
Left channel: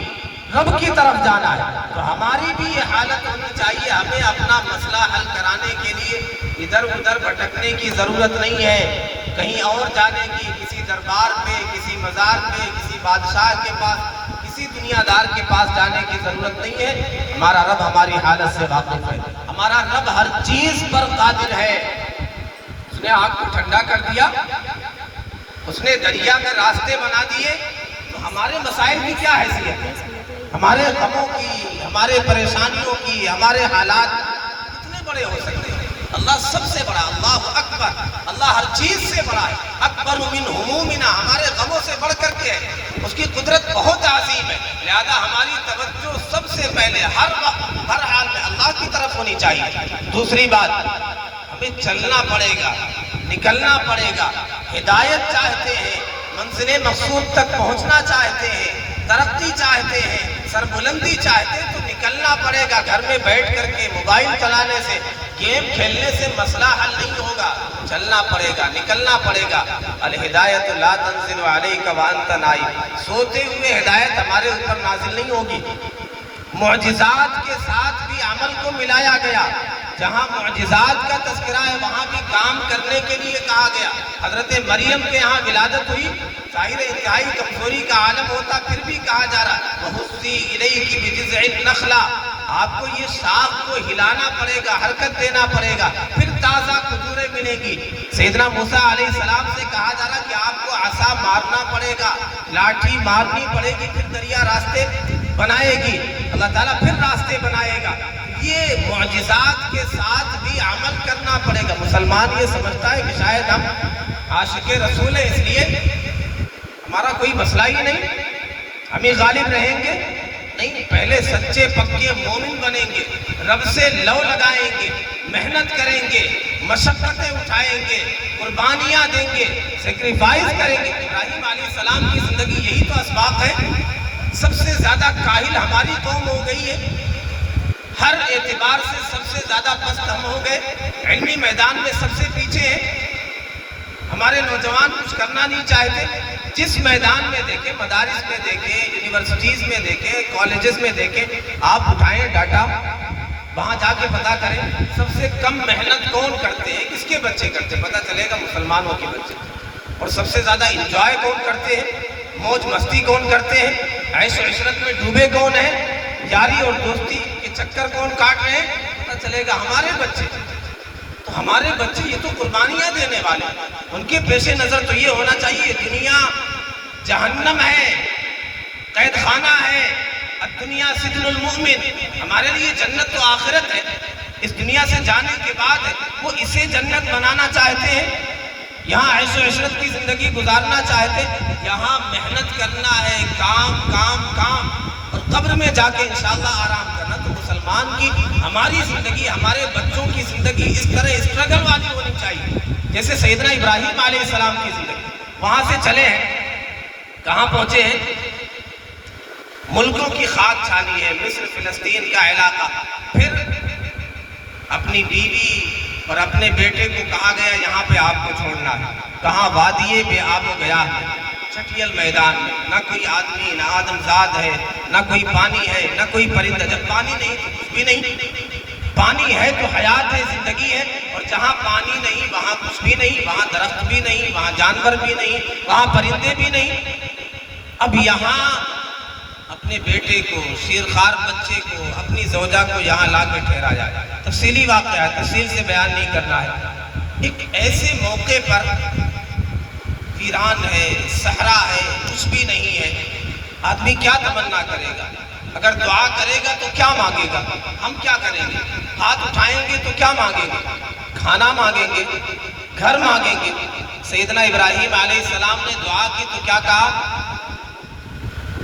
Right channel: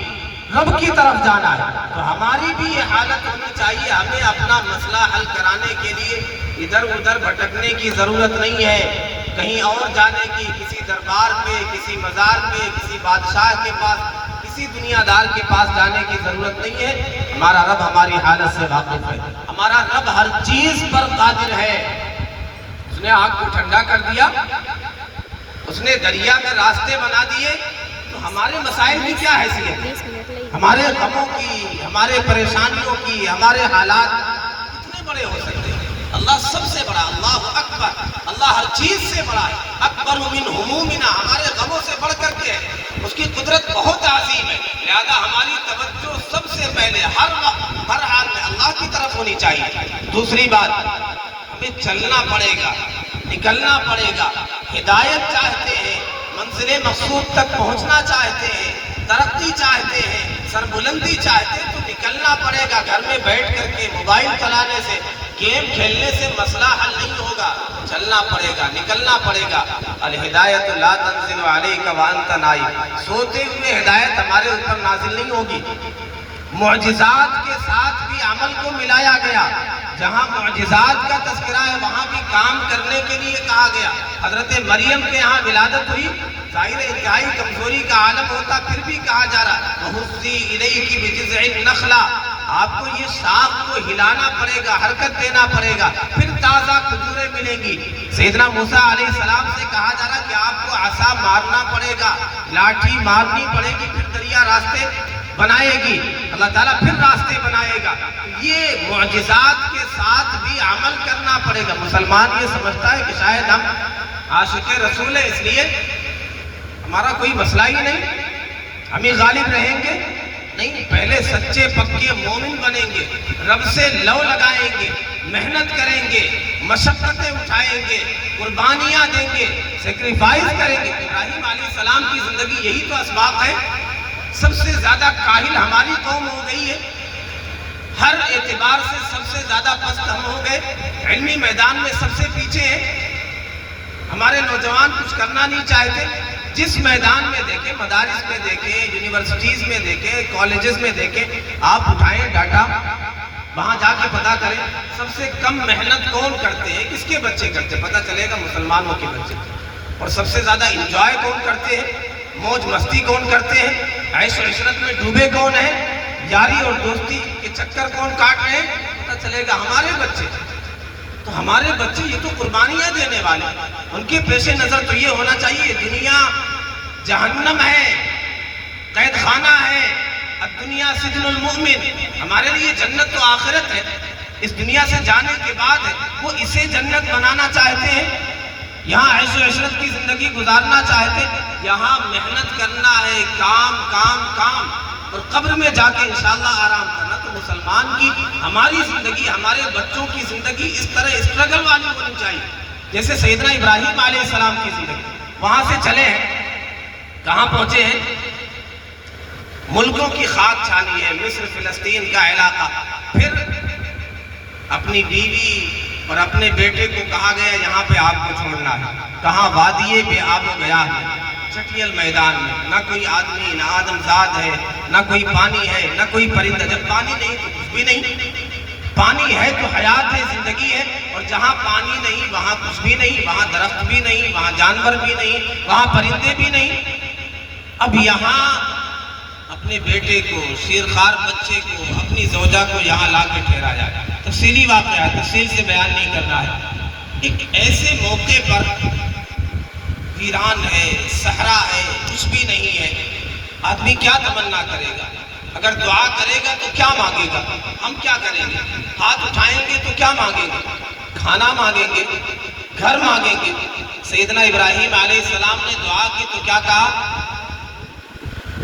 رب کی طرف جانا ہے، تو ہماری بھی یہ حالت ہونی چاہیے. ہمیں اپنا مسئلہ حل کرانے کے لیے ادھر ادھر بھٹکنے کی ضرورت نہیں ہے، کہیں اور جانے کی، کسی دربار میں، کسی مزار میں، کسی بادشاہ کے پاس، کسی دنیا دار کے پاس جانے کی ضرورت نہیں ہے. ہمارا رب ہماری حالت سے واقف ہے، ہمارا رب ہر چیز پر قادر ہے. اس نے آگ کو ٹھنڈا کر دیا، اس نے دریا میں راستے بنا دیے، تو ہمارے مسائل کی کیا حیثیت ہے؟ ہمارے غموں کی، ہمارے پریشانیوں کی، ہمارے حالات کتنے بڑے ہو سکتے ہیں؟ اللہ سب سے بڑا، اللہ اکبر، اللہ ہر چیز سے بڑا ہے. اکبر من ہمومنا، ہمارے غموں سے بڑھ کر کے ہے. اس کی قدرت بہت عظیم ہے، لہذا ہماری توجہ سب سے پہلے ہر وقت ہر حال میں اللہ کی طرف ہونی چاہیے. دوسری بات، ہمیں چلنا پڑے گا، نکلنا پڑے گا. ہدایت چاہتے ہیں، منزل مقصود تک پہنچنا چاہتے ہیں، ترقی چاہتے ہیں، سربلندی چاہتے ہیں، تو نکلنا پڑے گا. گھر میں بیٹھ کر کے موبائل چلانے سے، گیم کھیلنے سے مسئلہ حل نہیں ہوگا. چلنا پڑے گا، نکلنا پڑے گا. الہدایت لا تنزل علیک وانت نائم، سوتے ہوئے ہدایت ہمارے اوپر نازل نہیں ہوگی. معجزات کے ساتھ بھی عمل کو ملایا گیا. جہاں معجزات کا تذکرہ ہے وہاں بھی کام کرنے کے لیے کہا گیا. حضرت مریم کے ہاں ولادت ہوئی، ظاہر انتہائی کمزوری کا عالم ہوتا، پھر بھی کہا جا رہا وَهُزِّي إِلَيْكِ بِجِذْعِ النَّخْلَةِ، آپ کو یہ شاخ کو ہلانا پڑے گا، حرکت دینا پڑے گا، پھر تازہ کھجوریں ملے گی. سیدنا موسیٰ علیہ السلام سے کہا جا رہا کہ آپ کو عصا مارنا پڑے گا، لاٹھی مارنی پڑے گی، پھر دریا راستے بنائے گی، اللہ تعالیٰ پھر راستے بنائے گا. یہ معجزات کے ساتھ بھی عمل کرنا پڑے گا. مسلمان یہ سمجھتا ہے کہ شاید ہم عاشق رسول ہیں، اس لیے ہمارا کوئی مسئلہ ہی نہیں، ہم ہی غالب رہیں گے. نہیں، پہلے سچے پکے مومن بنیں گے، رب سے لو لگائیں گے، محنت کریں گے، مشقتیں اٹھائیں گے، قربانیاں دیں گے، سیکریفائز کریں گے. ابراہیم علیہ السلام کی زندگی یہی تو اسباق ہے. سب سے زیادہ کاہل ہماری قوم ہو گئی ہے، ہر اعتبار سے سب سے زیادہ پست ہم ہو گئے، علمی میدان میں سب سے پیچھے ہیں. ہمارے نوجوان کچھ کرنا نہیں چاہتے. جس میدان میں دیکھیں، مدارس میں دیکھیں، یونیورسٹیز میں دیکھیں، کالجز میں دیکھیں، آپ اٹھائیں ڈاٹا، وہاں جا کے پتا کریں سب سے کم محنت کون کرتے ہیں، کس کے بچے کرتے ہیں، پتا چلے گا مسلمانوں کے بچے. اور سب سے زیادہ انجوائے کون کرتے ہیں، موج مستی کون کرتے ہیں، عیش و عشرت میں ڈوبے کون ہیں، یاری اور دوستی کے چکر کون کاٹ رہے ہیں، پتا چلے گا ہمارے بچے. تو ہمارے بچے یہ تو قربانیاں دینے والے، ان کے پیش نظر تو یہ ہونا چاہیے دنیا جہنم ہے، قید خانہ ہے، الدنیا سجن المؤمن. ہمارے لیے جنت تو آخرت ہے، اس دنیا سے جانے کے بعد ہے. وہ اسے جنت بنانا چاہتے ہیں، یہاں عیش و عشرت کی زندگی گزارنا چاہتے ہیں، یہاں محنت کرنا ہے، کام کام کام، اور قبر میں جا کے انشاءاللہ آرام کرنا. تو مسلمان کی ہماری زندگی، ہمارے بچوں کی زندگی اس طرح اسٹرگل والی ہونی چاہیے جیسے سیدنا ابراہیم علیہ السلام کی زندگی. وہاں سے چلے ہیں، کہاں پہنچے ہیں، ملکوں کی خاک چھانی ہے، مصر فلسطین کا علاقہ. پھر اپنی بیوی اور اپنے بیٹے کو کہا گیا یہاں پہ آپ کو چھوڑنا ہے. کہاں وادی بے آب و گیا ہے، چٹیل میدان میں، نہ کوئی آدمی، نہ آدمزاد ہے، نہ کوئی پانی ہے، نہ کوئی پرندہ. جب پانی نہیں تو کچھ بھی نہیں، پانی ہے تو حیات ہے، زندگی ہے. اور جہاں پانی نہیں وہاں کچھ بھی نہیں، وہاں درخت بھی نہیں، وہاں جانور بھی نہیں، وہاں پرندے بھی نہیں. اب یہاں اپنے بیٹے کو، شیرخوار بچے کو، اپنی زوجہ کو یہاں لا کے ٹھہرا جائے. تفصیلی واقعہ ہے، تفصیل سے بیان نہیں کرنا ہے. ایک ایسے موقع پر ویران ہے، صحرا ہے، کچھ بھی نہیں ہے، آدمی کیا تمنا کرے گا؟ اگر دعا کرے گا تو کیا مانگے گا؟ ہم کیا کریں گے؟ ہاتھ اٹھائیں گے تو کیا مانگیں گے؟ کھانا مانگیں گے، گھر مانگیں گے. سیدنا ابراہیم علیہ السلام نے دعا کی تو کیا کہا؟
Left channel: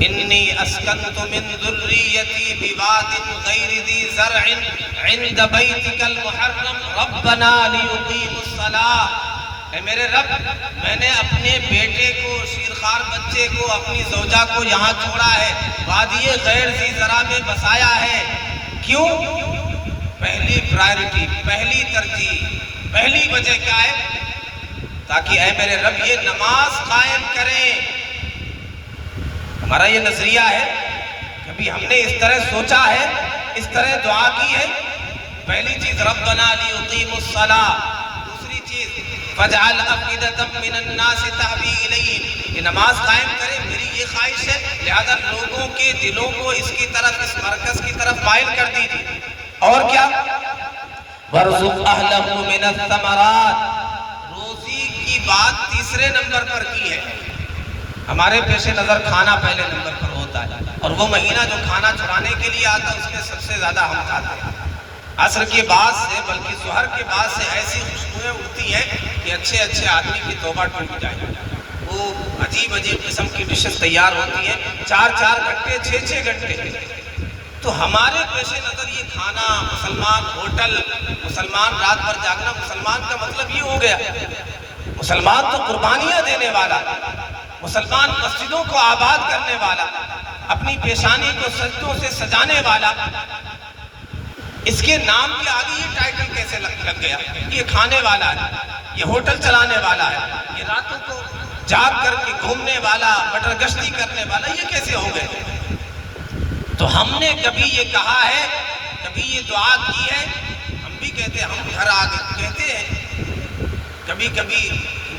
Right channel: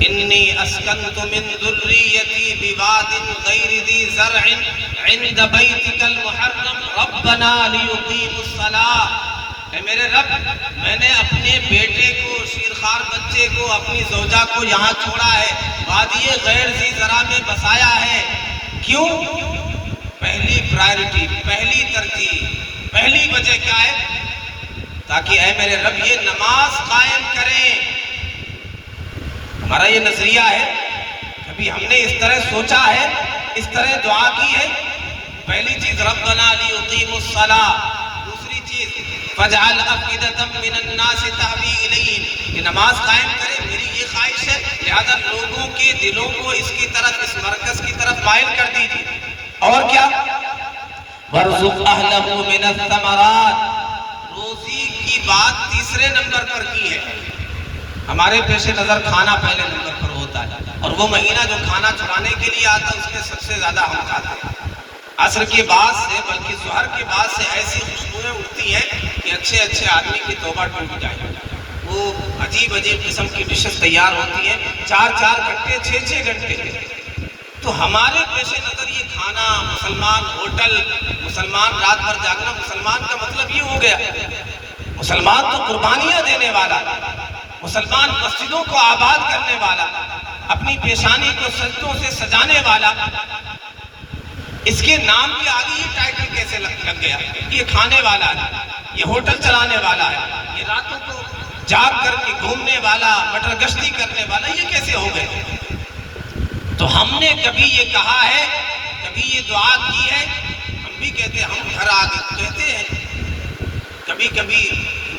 انی اسکنت من ذریتی بواد غیر ذی زرع عند بیتک المحرم ربنا لیقیموا الصلاۃ. اے میرے رب، میں نے اپنے بیٹے کو، شیرخوار بچے کو، اپنی زوجہ کو یہاں چھوڑا ہے، وادی غیر ذی زرع میں بسایا ہے. کیوں؟ پہلی پرائرٹی، پہلی ترجیح، پہلی وجہ کیا ہے؟ تاکہ اے میرے رب یہ نماز قائم کریں. ہمارا یہ نظریہ ہے کبھی ہم نے اس طرح سوچا ہے، اس طرح دعا کی ہے؟ پہلی چیز ربنا لیقیموا الصلاۃ، دوسری چیز فاجعل افئدۃ من الناس تهوی الیہم، کہ نماز قائم کرے، میری یہ خواہش ہے، لہذا لوگوں کے دلوں کو اس کی طرف، اس مرکز کی طرف مائل کر دیجیے۔ اور کیا؟ وارزق اہلہ من الثمرات، روزی کی بات تیسرے نمبر پر کی ہے۔ ہمارے پیش نظر کھانا پہلے نمبر پر ہوتا ہے، اور وہ مہینہ جو کھانا چرانے کے لیے آتا ہے اس میں سب سے زیادہ ہم کھاتے ہیں۔ عصر کے بعد سے، بلکہ ظہر کے بعد سے ایسی خوشبوئیں اٹھتی ہیں کہ اچھے اچھے آدمی کی توبہ ٹوٹ جائے، وہ عجیب عجیب قسم کی ڈشز تیار ہوتی ہیں، 4 گھنٹے 6 گھنٹے۔ تو ہمارے پیش نظر یہ کھانا، مسلمان ہوٹل، مسلمان رات بھر جاگنا، مسلمان کا مطلب یہ ہو گیا، مسلمان تو قربانیاں دینے والا، مسلمان مسجدوں کو آباد کرنے والا، اپنی پیشانی کو سجدوں سے سجانے والا، اس کے نام کے آگے یہ ٹائٹل کیسے لگ گیا؟ یہ کھانے والا ہے، یہ ہوٹل چلانے والا ہے، یہ راتوں کو جاگ کر کے گھومنے والا، مٹر گشتی کرنے والا، یہ کیسے ہو گئے؟ تو ہم نے کبھی یہ کہا ہے، کبھی یہ دعا کی ہے؟ ہم بھی کہتے ہیں، ہم گھر آگے کہتے ہیں، کبھی کبھی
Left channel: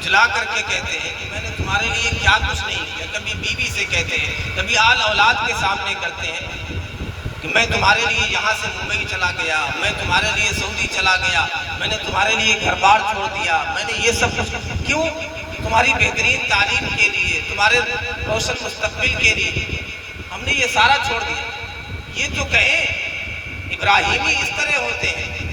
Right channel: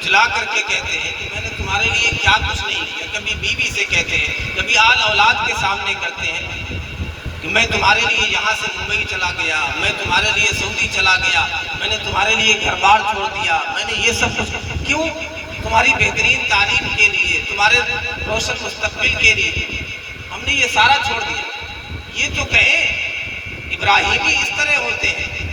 جلا کر کے کہتے ہیں کہ میں نے تمہارے لیے کیا کچھ نہیں کیا، کبھی بیوی سے کہتے ہیں، کبھی آل اولاد کے سامنے کرتے ہیں کہ میں تمہارے لیے یہاں سے ممبئی چلا گیا، میں تمہارے لیے سعودی چلا گیا، میں نے تمہارے لیے گھر بار چھوڑ دیا، میں نے یہ سب کچھ کیوں؟ تمہاری بہترین تعلیم کے لیے، تمہارے روشن مستقبل کے لیے ہم نے یہ سارا چھوڑ دیا۔ یہ تو کہیں ابراہیمی اس طرح ہوتے ہیں،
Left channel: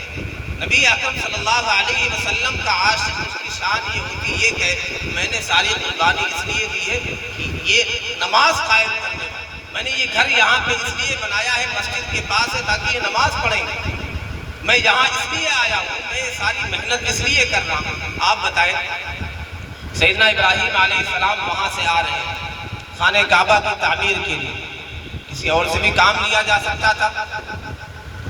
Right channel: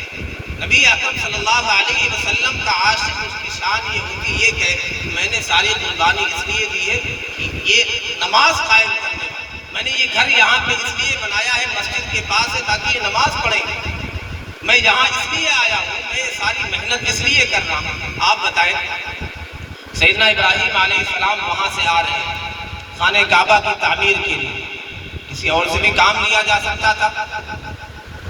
نبی اکرم صلی اللہ علیہ وسلم کا عاشق، اس کی شان یہ ہوتی ہے کہ میں نے ساری قربانی اس لیے دی ہے کہ یہ نماز قائم کرنے والا، میں نے یہ گھر یہاں پہ اس لیے بنایا ہے، مسجد کے پاس ہے تاکہ یہ نماز پڑھیں، میں یہاں اس لیے آیا ہوں، میں یہ ساری محنت اس لیے کر رہا ہوں۔ آپ بتائیں، سیدنا ابراہیم علیہ السلام وہاں سے آ رہے ہیں خانہ کعبہ کی تعمیر کے لیے، کسی اور سے بھی کام لیا جا سکتا تھا،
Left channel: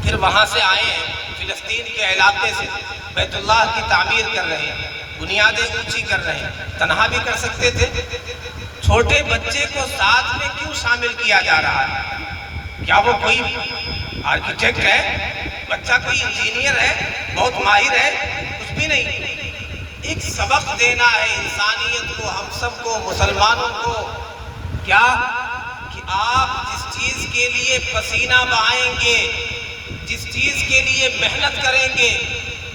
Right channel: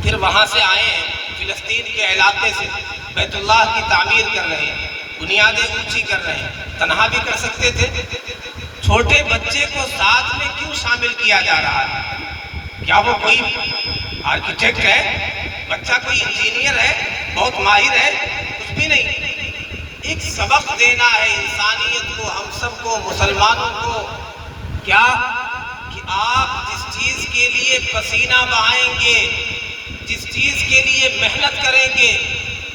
پھر وہاں سے آئے ہیں فلسطین کے علاقے سے، بیت اللہ کی تعمیر کر رہے ہیں، بنیادیں اونچی کر رہے ہیں، تنہا بھی کر سکتے تھے، چھوٹے بچے کو ساتھ میں کیوں شامل کیا جا رہا ہے؟ کیا وہ کوئی آرکیٹیکٹ ہے؟ بچہ کوئی انجینئر ہے، بہت ماہر ہے؟ کچھ بھی نہیں، ایک سبق دینا ہے انسانیت کو، ہم سب کو، مسلمانوں کو، کیا کہ آپ جس چیز کے لیے پسینہ بہائیں گے، جس چیز کے لیے محنت کریں گے،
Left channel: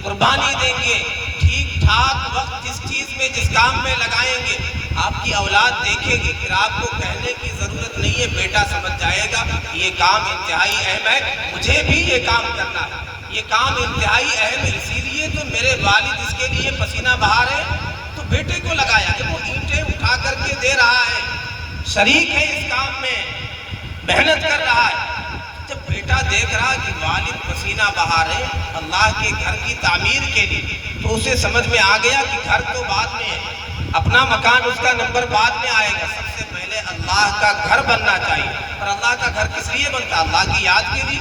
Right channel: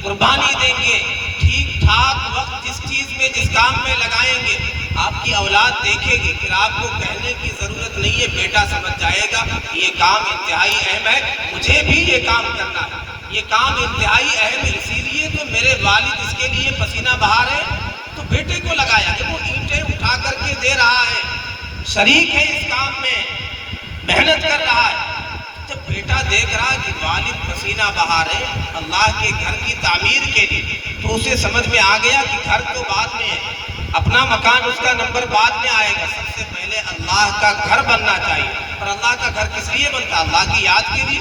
قربانی دیں گے، ٹھیک ٹھاک وقت جس چیز میں، جس کام میں لگائیں گے، آپ کی اولاد دیکھے گی، پھر آپ کو کہنے کی ضرورت نہیں ہے، بیٹا سمجھ جائے گا یہ کام انتہائی اہم ہے، مجھے بھی یہ کام کرنا ہے، یہ کام انتہائی اہم ہے، اسی لیے تو میرے والد اس کے لیے پسینہ بہا رہے ہیں، تو بیٹے کو لگایا کہ وہ اینٹیں اٹھا کر کے دے رہا ہے، شریک ہے اس کام میں، محنت کر رہا ہے۔ جب بیٹا دیکھ رہا کہ والد پسینہ بہا رہے اللہ کے گھر کی تعمیر کے لیے، تو اسے سمجھ میں آ گیا کہ گھر تو بعد میں ہے، اپنا مکان، اس کا نمبر بعد میں آئے گا، سب سے پہلے اللہ کا گھر بننا چاہیے۔ اور اللہ کا گھر کس لیے بنتا؟ اللہ کی یاد کے لیے،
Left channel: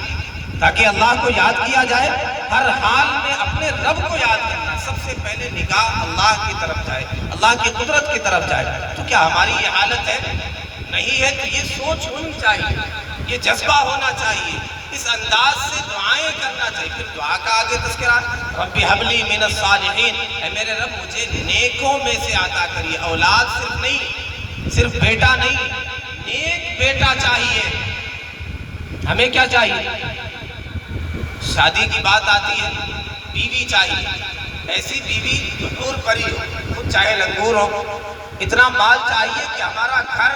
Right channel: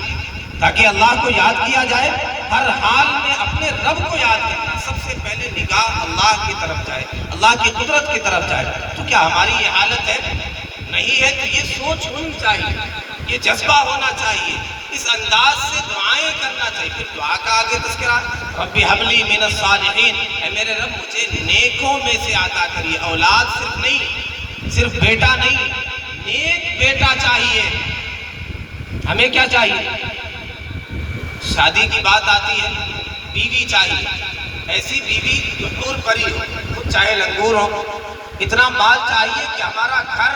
تاکہ اللہ کو یاد کیا جائے، ہر حال میں اپنے رب کو یاد کرنا، سب سے پہلے نگاہ اللہ کی طرف جائے، اللہ کی قدرت کی طرف جائے۔ تو کیا ہماری یہ حالت ہے؟ نہیں ہے، تو یہ سوچ ہونی چاہیے، یہ جذبہ ہونا چاہیے، اس انداز سے دعائیں کرنا چاہیے۔ پھر دعا کا آگے تذکرہ، رب ھب لی من الصالحین، اے میرے رب مجھے نیکوں میں سے عطا کریے، اولاد صرف نہیں، صرف بیٹا نہیں، نیک بیٹا چاہیے۔ ہمیں کیا چاہیے؟ شادی کی بات آتی ہے، بیوی چاہیے، ایسی بیوی حور پری ہو، چاہے لنگور ہو، اتنا مال چاہیے کہ ہمارا گھر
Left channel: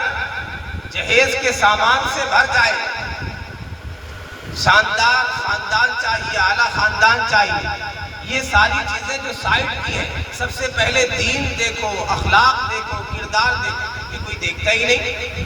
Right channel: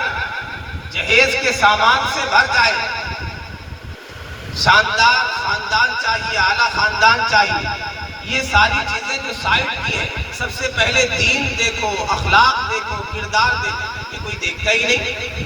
جہیز کے سامان سے بھر جائے، شاندار خاندان چاہیے، اعلیٰ خاندان چاہیے۔ یہ ساری چیزیں جو سائڈ کی ہیں، سب سے پہلے دین دیکھو، اخلاق دیکھو، کردار دیکھو، یہ کوئی دیکھتا ہی نہیں۔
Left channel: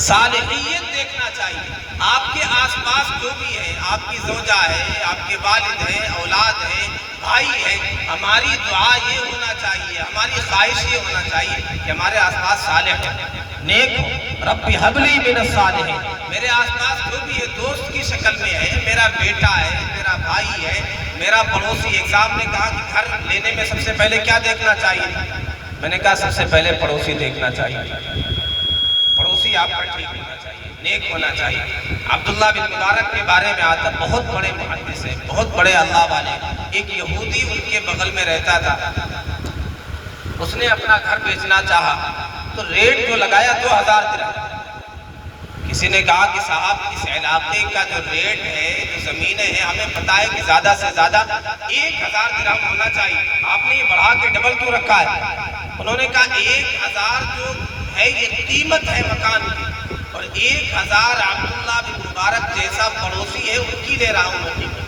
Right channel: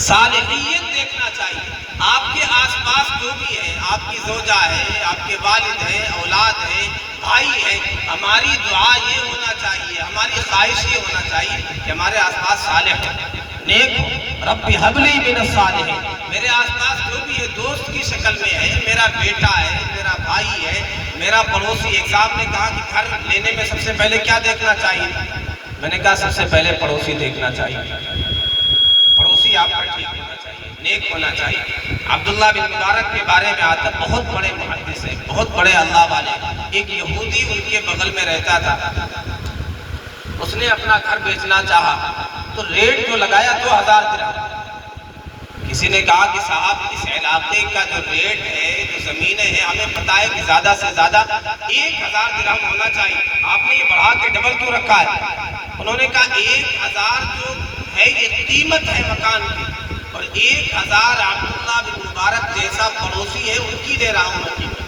صالحیت دیکھنا چاہیے، آپ کے آس پاس جو بھی ہے، آپ کی زوجہ ہے، آپ کے والد ہیں، اولاد ہے، بھائی ہے، ہماری دعا یہ ہونا چاہیے، ہماری خواہش یہ ہونا چاہیے کہ ہمارے آس پاس صالح ہو، نیک ہو۔ رب ھب لی من الصالحین، میرے آس پاس جو بھی ہے، دوست کی شکل میں ہے، میرا بیٹا ہے، میرا بھائی ہے، میرا پڑوسی۔ ایک صاحب نے کہا کہ گھر لینے میں سب سے پہلے کیا دیکھنا چاہیے؟ میں نے کہا سب سے پہلے پڑوسی دیکھنا چاہیے، پڑوسی آپ کا ٹھیک ہونا چاہیے، نیک ہونا چاہیے۔ عبداللہ بن مبارک کے بارے میں آتا، بہت بڑے محدث ہیں، بہت بڑے اللہ والے۔ ایک یہودی ان کے بغل میں رہتا تھا، اس نے اپنا گھر بیچنا چاہا تو ریٹ جو لگایا 2000 درہم۔ کسی نے کہا کہ صاحب اس علاقے کا جو ریٹ ہے، جو زمینیں ہیں، ہمیں پتہ ہے کہ زیادہ سے زیادہ 1000 درہم ہونا چاہیے، آپ نے یہ بڑھا کے ڈبل کیوں رکھا ہے؟ انہوں نے کہا 1000 جو ہے یہ قیمت ہے مکان کی، اور 1000 عبداللہ بن مبارک جیسا پڑوسی ہے ان کی دے رہا ہوں میں قیمت۔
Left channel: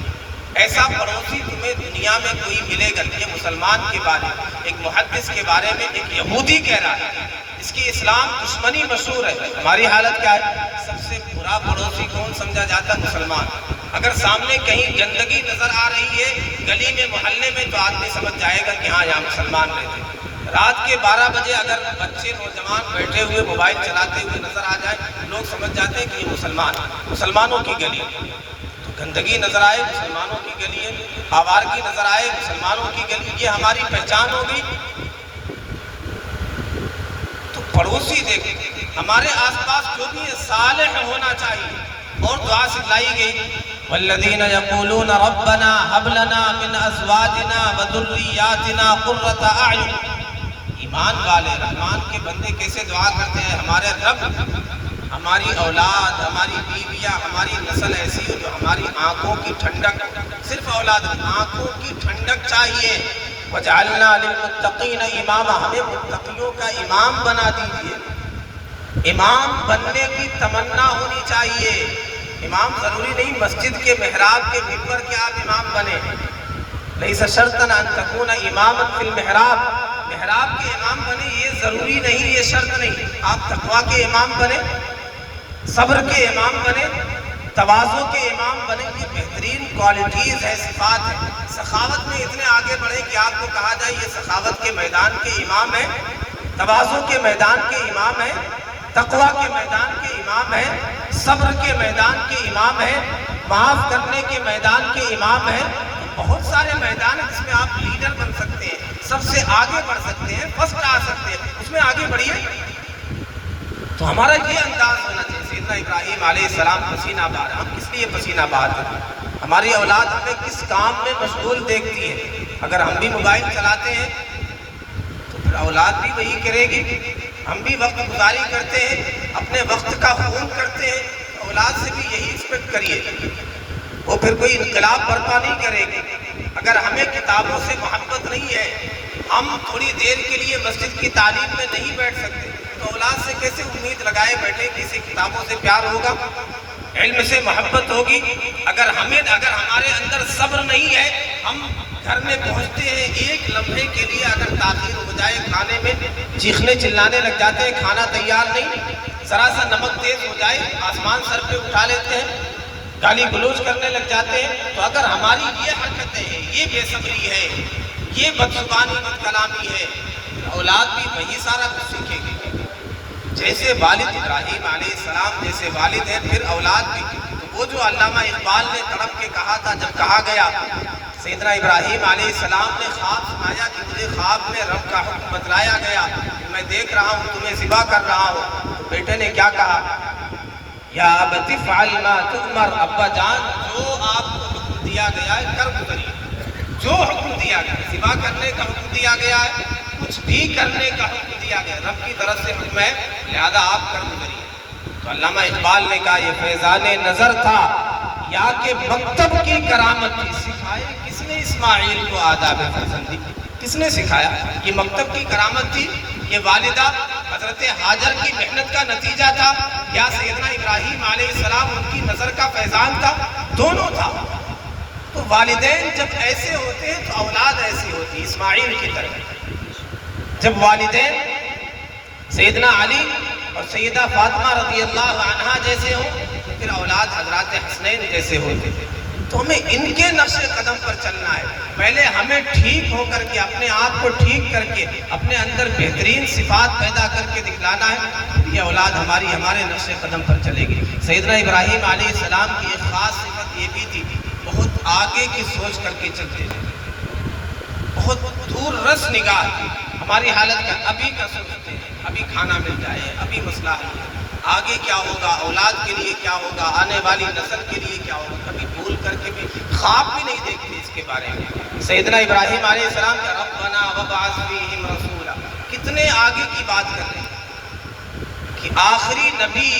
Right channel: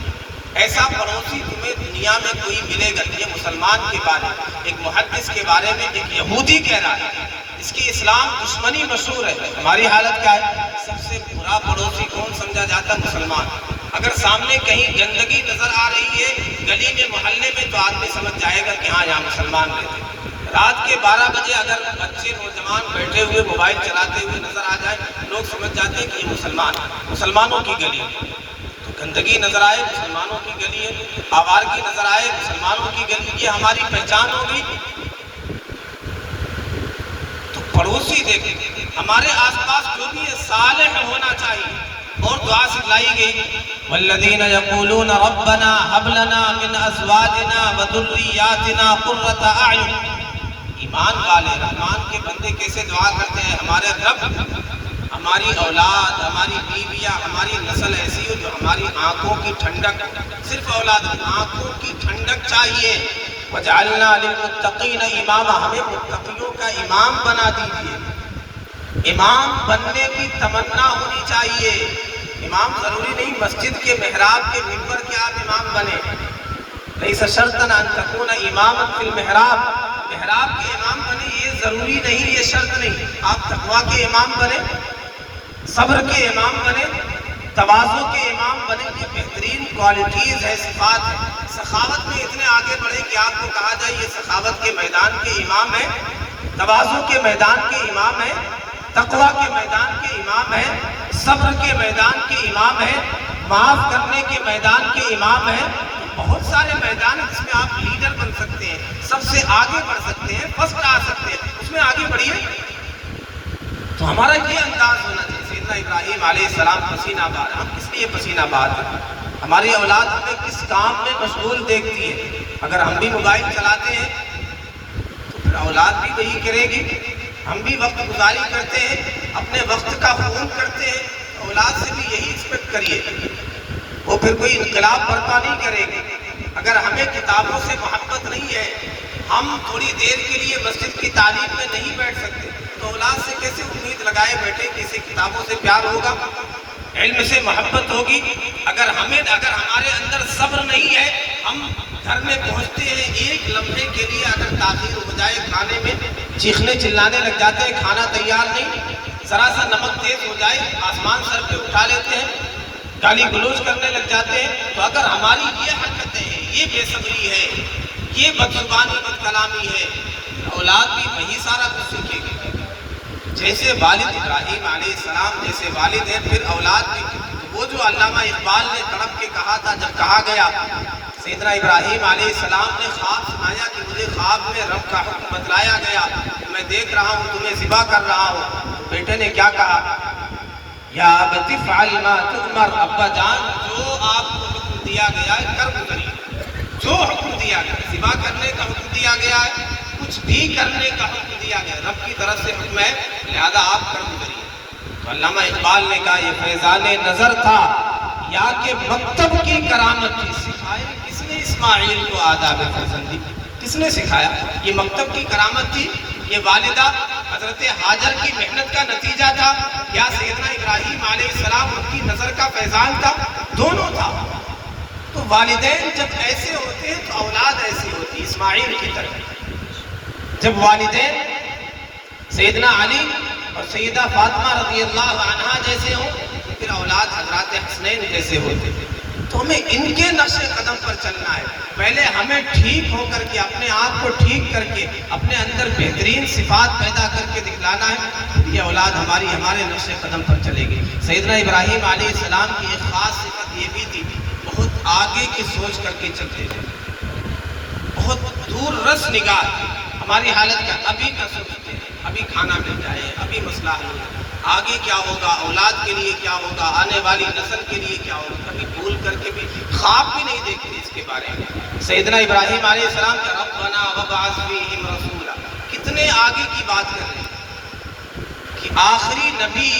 ایسا پڑوسی تمہیں دنیا میں کوئی ملے گا؟ یہ مسلمان کے بارے میں، ایک محدث کے بارے میں ایک یہودی کہہ رہا ہے، اس کی اسلام دشمنی مشہور ہے۔ ہماری حالت کیا ہے؟ سب سے برا پڑوسی کون سمجھا جاتا ہے؟ مسلمان۔ اگر سامنے کہیں گندگی نظر آ رہی ہے گلی میں، محلے میں، تو آدمی سمجھ جائے گا کہ ہاں یہاں مسلمان رہتے ہیں۔ رات کے 12 بجے اگر بچے نوجوان بیٹھے ہوئے موبائل چلاتے ہوئے نظر آ جائے، لوگ سمجھ جاتے ہیں کہ یہ مسلمان، مسلمانوں کی گلی ہے۔ گندگی نظر آئے مسلمانوں کی گلی ہے، آوارگی نظر آئے مسلمانوں کی گلی، یہ ہماری پہچان ہوگی۔ تو پڑوسی دیکھیں، ہمارے آس پاس جو بھی ہے صالح ہونا چاہیے۔ اور دعا سکھلائی گئی، والذین یقولون ربنا هب لنا من ازواجنا وذریاتنا قرۃ اعین۔ ایمان والے رحمان کے بندے کیسے دعا کرتے ہیں؟ ہمارے رب ہماری اولاد، ہماری بیویاں، ہماری نسل ایسی ہو جو ہماری آنکھوں کی ٹھنڈک، صرف اولاد، آنکھوں کی ٹھنڈک چاہیے۔ وجعلنا للمتقین اماما، ہمیں متقیوں کا امام بنا دیجیے۔ امام بننے کی تمنا ہونی چاہیے۔ امام ضروری نہیں مسجد کے محراب کے منبر کے آپ امام بنے، لیس شرطا ان تکون اماما فی المحراب، محراب کے امام بنے یہ ضروری نہیں، یہ شرط نہیں۔ آپ تقویٰ کے امام بنے، صبر کے امام بنے، تواضع کے امام بنے، یہ بہترین کوالٹیز ہے، صفات ہے۔ سخاوت میں اتنے آگے بڑھے کہ آپ کو کہا جائے یہ سخاوت کے میدان کے امام ہے، تواضع کے میدان کے امام ہے، تقویٰ کے میدان کے امام ہے، صبر کے میدان کے امام ہے، معاف کرنے کے میدان کے امام ہے۔ بہت سارے میدان ہیں جس میں آپ لیڈر بن سکتے ہیں، سب سے آگے بڑھ سکتے ہیں، فرسٹ آ سکتے ہیں، اس میں آگے بڑھیے۔ تو ہمارا یہ انداز ہونا چاہیے۔ سیدنا ابراہیم علیہ السلام پسینہ بار، ہم کس لیے پسینہ بار ہیں؟ ہماری اولاد ہمیں کس کام میں مشغول دیکھتی ہے؟ اگر ہم بھی موبائل چلاتے ہیں تو پھر اولاد بھی وہی کرے گی۔ ہم بھی وقت گزاری کرتے ہیں، اپنے وقت کا خون کرتے ہیں، اولاد سے بھی یہی ایکسپیکٹ کریے۔ وہ پھر کوئی انقلاب برپا نہیں کرے گی۔ اگر ہمیں کتابوں سے محبت نہیں ہے، ہم تھوڑی دیر کے لیے مسجد کی تعلیم میں نہیں بیٹھ سکتے، تو اولاد سے کیسے امید لگائے بیٹھے کہ اسے کتابوں سے پیار ہوگا، علم سے محبت ہوگی؟ اگر ہمارے اندر صبر نہیں ہے، ہم گھر میں پہنچتے ہیں ایک لمحے کے لیے اگر تاخیر ہو جائے کھانے میں، چیخنے چلانے لگ جاتے ہیں، کھانا تیار نہیں، ذرا سا نمک تیز ہو جائے آسمان سر پہ اٹھا لیتے ہیں، گالی گلوچ کرنے لگ جاتے ہیں۔ تو اگر ہماری یہ حرکتیں ہیں، یہ بے صبری ہے، یہ بدزبانی بد کلامی ہے، اولاد بھی وہی سارا کچھ سیکھے گی۔ جیسے والد ابراہیم علیہ السلام جیسے والد ہیں، پھر اولاد بھی۔ تو وہ جو علامہ اقبال نے تڑپ کے کہا تھا، جب کہا گیا سیدنا ابراہیم علیہ السلام نے خواب سنایا کہ مجھے خواب میں رب کا حکم بتلایا گیا کہ میں دیکھ رہا ہوں تمہیں ذبح کر رہا ہوں، تو بیٹے نے کیا کہا؟ یا ابت افعل ما تؤمر، ابا جان جو آپ کو حکم دیا گیا ہے کر گزریے۔ جو حکم دیا گیا، ذبح کرنے کا حکم دیا گیا ہے، کچھ بھی کرنے کا حکم دیا گیا، رب کی طرف سے حکم ہے، لہذا آپ کر گزریے۔ تو علامہ اقبال نے کہا یہ فیضان نظر تھا یا کہ مکتب کی کرامت تھی؟ سکھائے کس نے اسماعیل کو آداب فرزندی؟ کس نے سکھایا؟ یہ مکتب کی کرامت تھی؟ یہ والدہ حضرت ہاجر کی محنت کا نتیجہ تھا یا سیدنا ابراہیم علیہ السلام ان کی نظر کا فیضان تھا؟ دونوں تھا۔ تو والدین جب ایسے ہوتے ہیں تو اولاد ایسی ہوتی، اسماعیل کی طرح۔ جب والدین سیدنا علی اور سیدہ فاطمہ رضی اللہ عنہا جیسے ہوں، پھر اولاد حضرات حسنین جیسے ہوتے۔ تو ہمیں ان کے نقش قدم پر چلنا ہے۔ پہلے ہمیں ٹھیک ہو کر کے، اپنے آپ کو ٹھیک کر کے، اپنے اندر بہترین صفات پیدا کر کے دکھلانا ہے، یہ اولاد ہمارے نقش قدم پر چلے گی۔ سیدنا ابراہیم علیہ السلام کی ایک خاص صفت یہ بھی تھی، بہت آگے کی سوچ کر کے چلتے تھے، بہت دور رس نگاہ۔ ہماری حالت کا ابھی کا سوچتے ہیں، ابھی کھانا مل جائے، ابھی مسئلہ حل، آگے کیا ہوگا، اولاد کے لیے کیا ہوگا، آنے والی نسل کے لیے کیا ہوگا، کبھی بھول کر کے بھی خواب بھی نہیں دیکھتے اس کے بارے میں۔ سیدنا ابراہیم علیہ السلام کا ربنا وابعث فیہم رسولا، کتنے آگے کی بات کر رہے ہیں کہ آخری نبی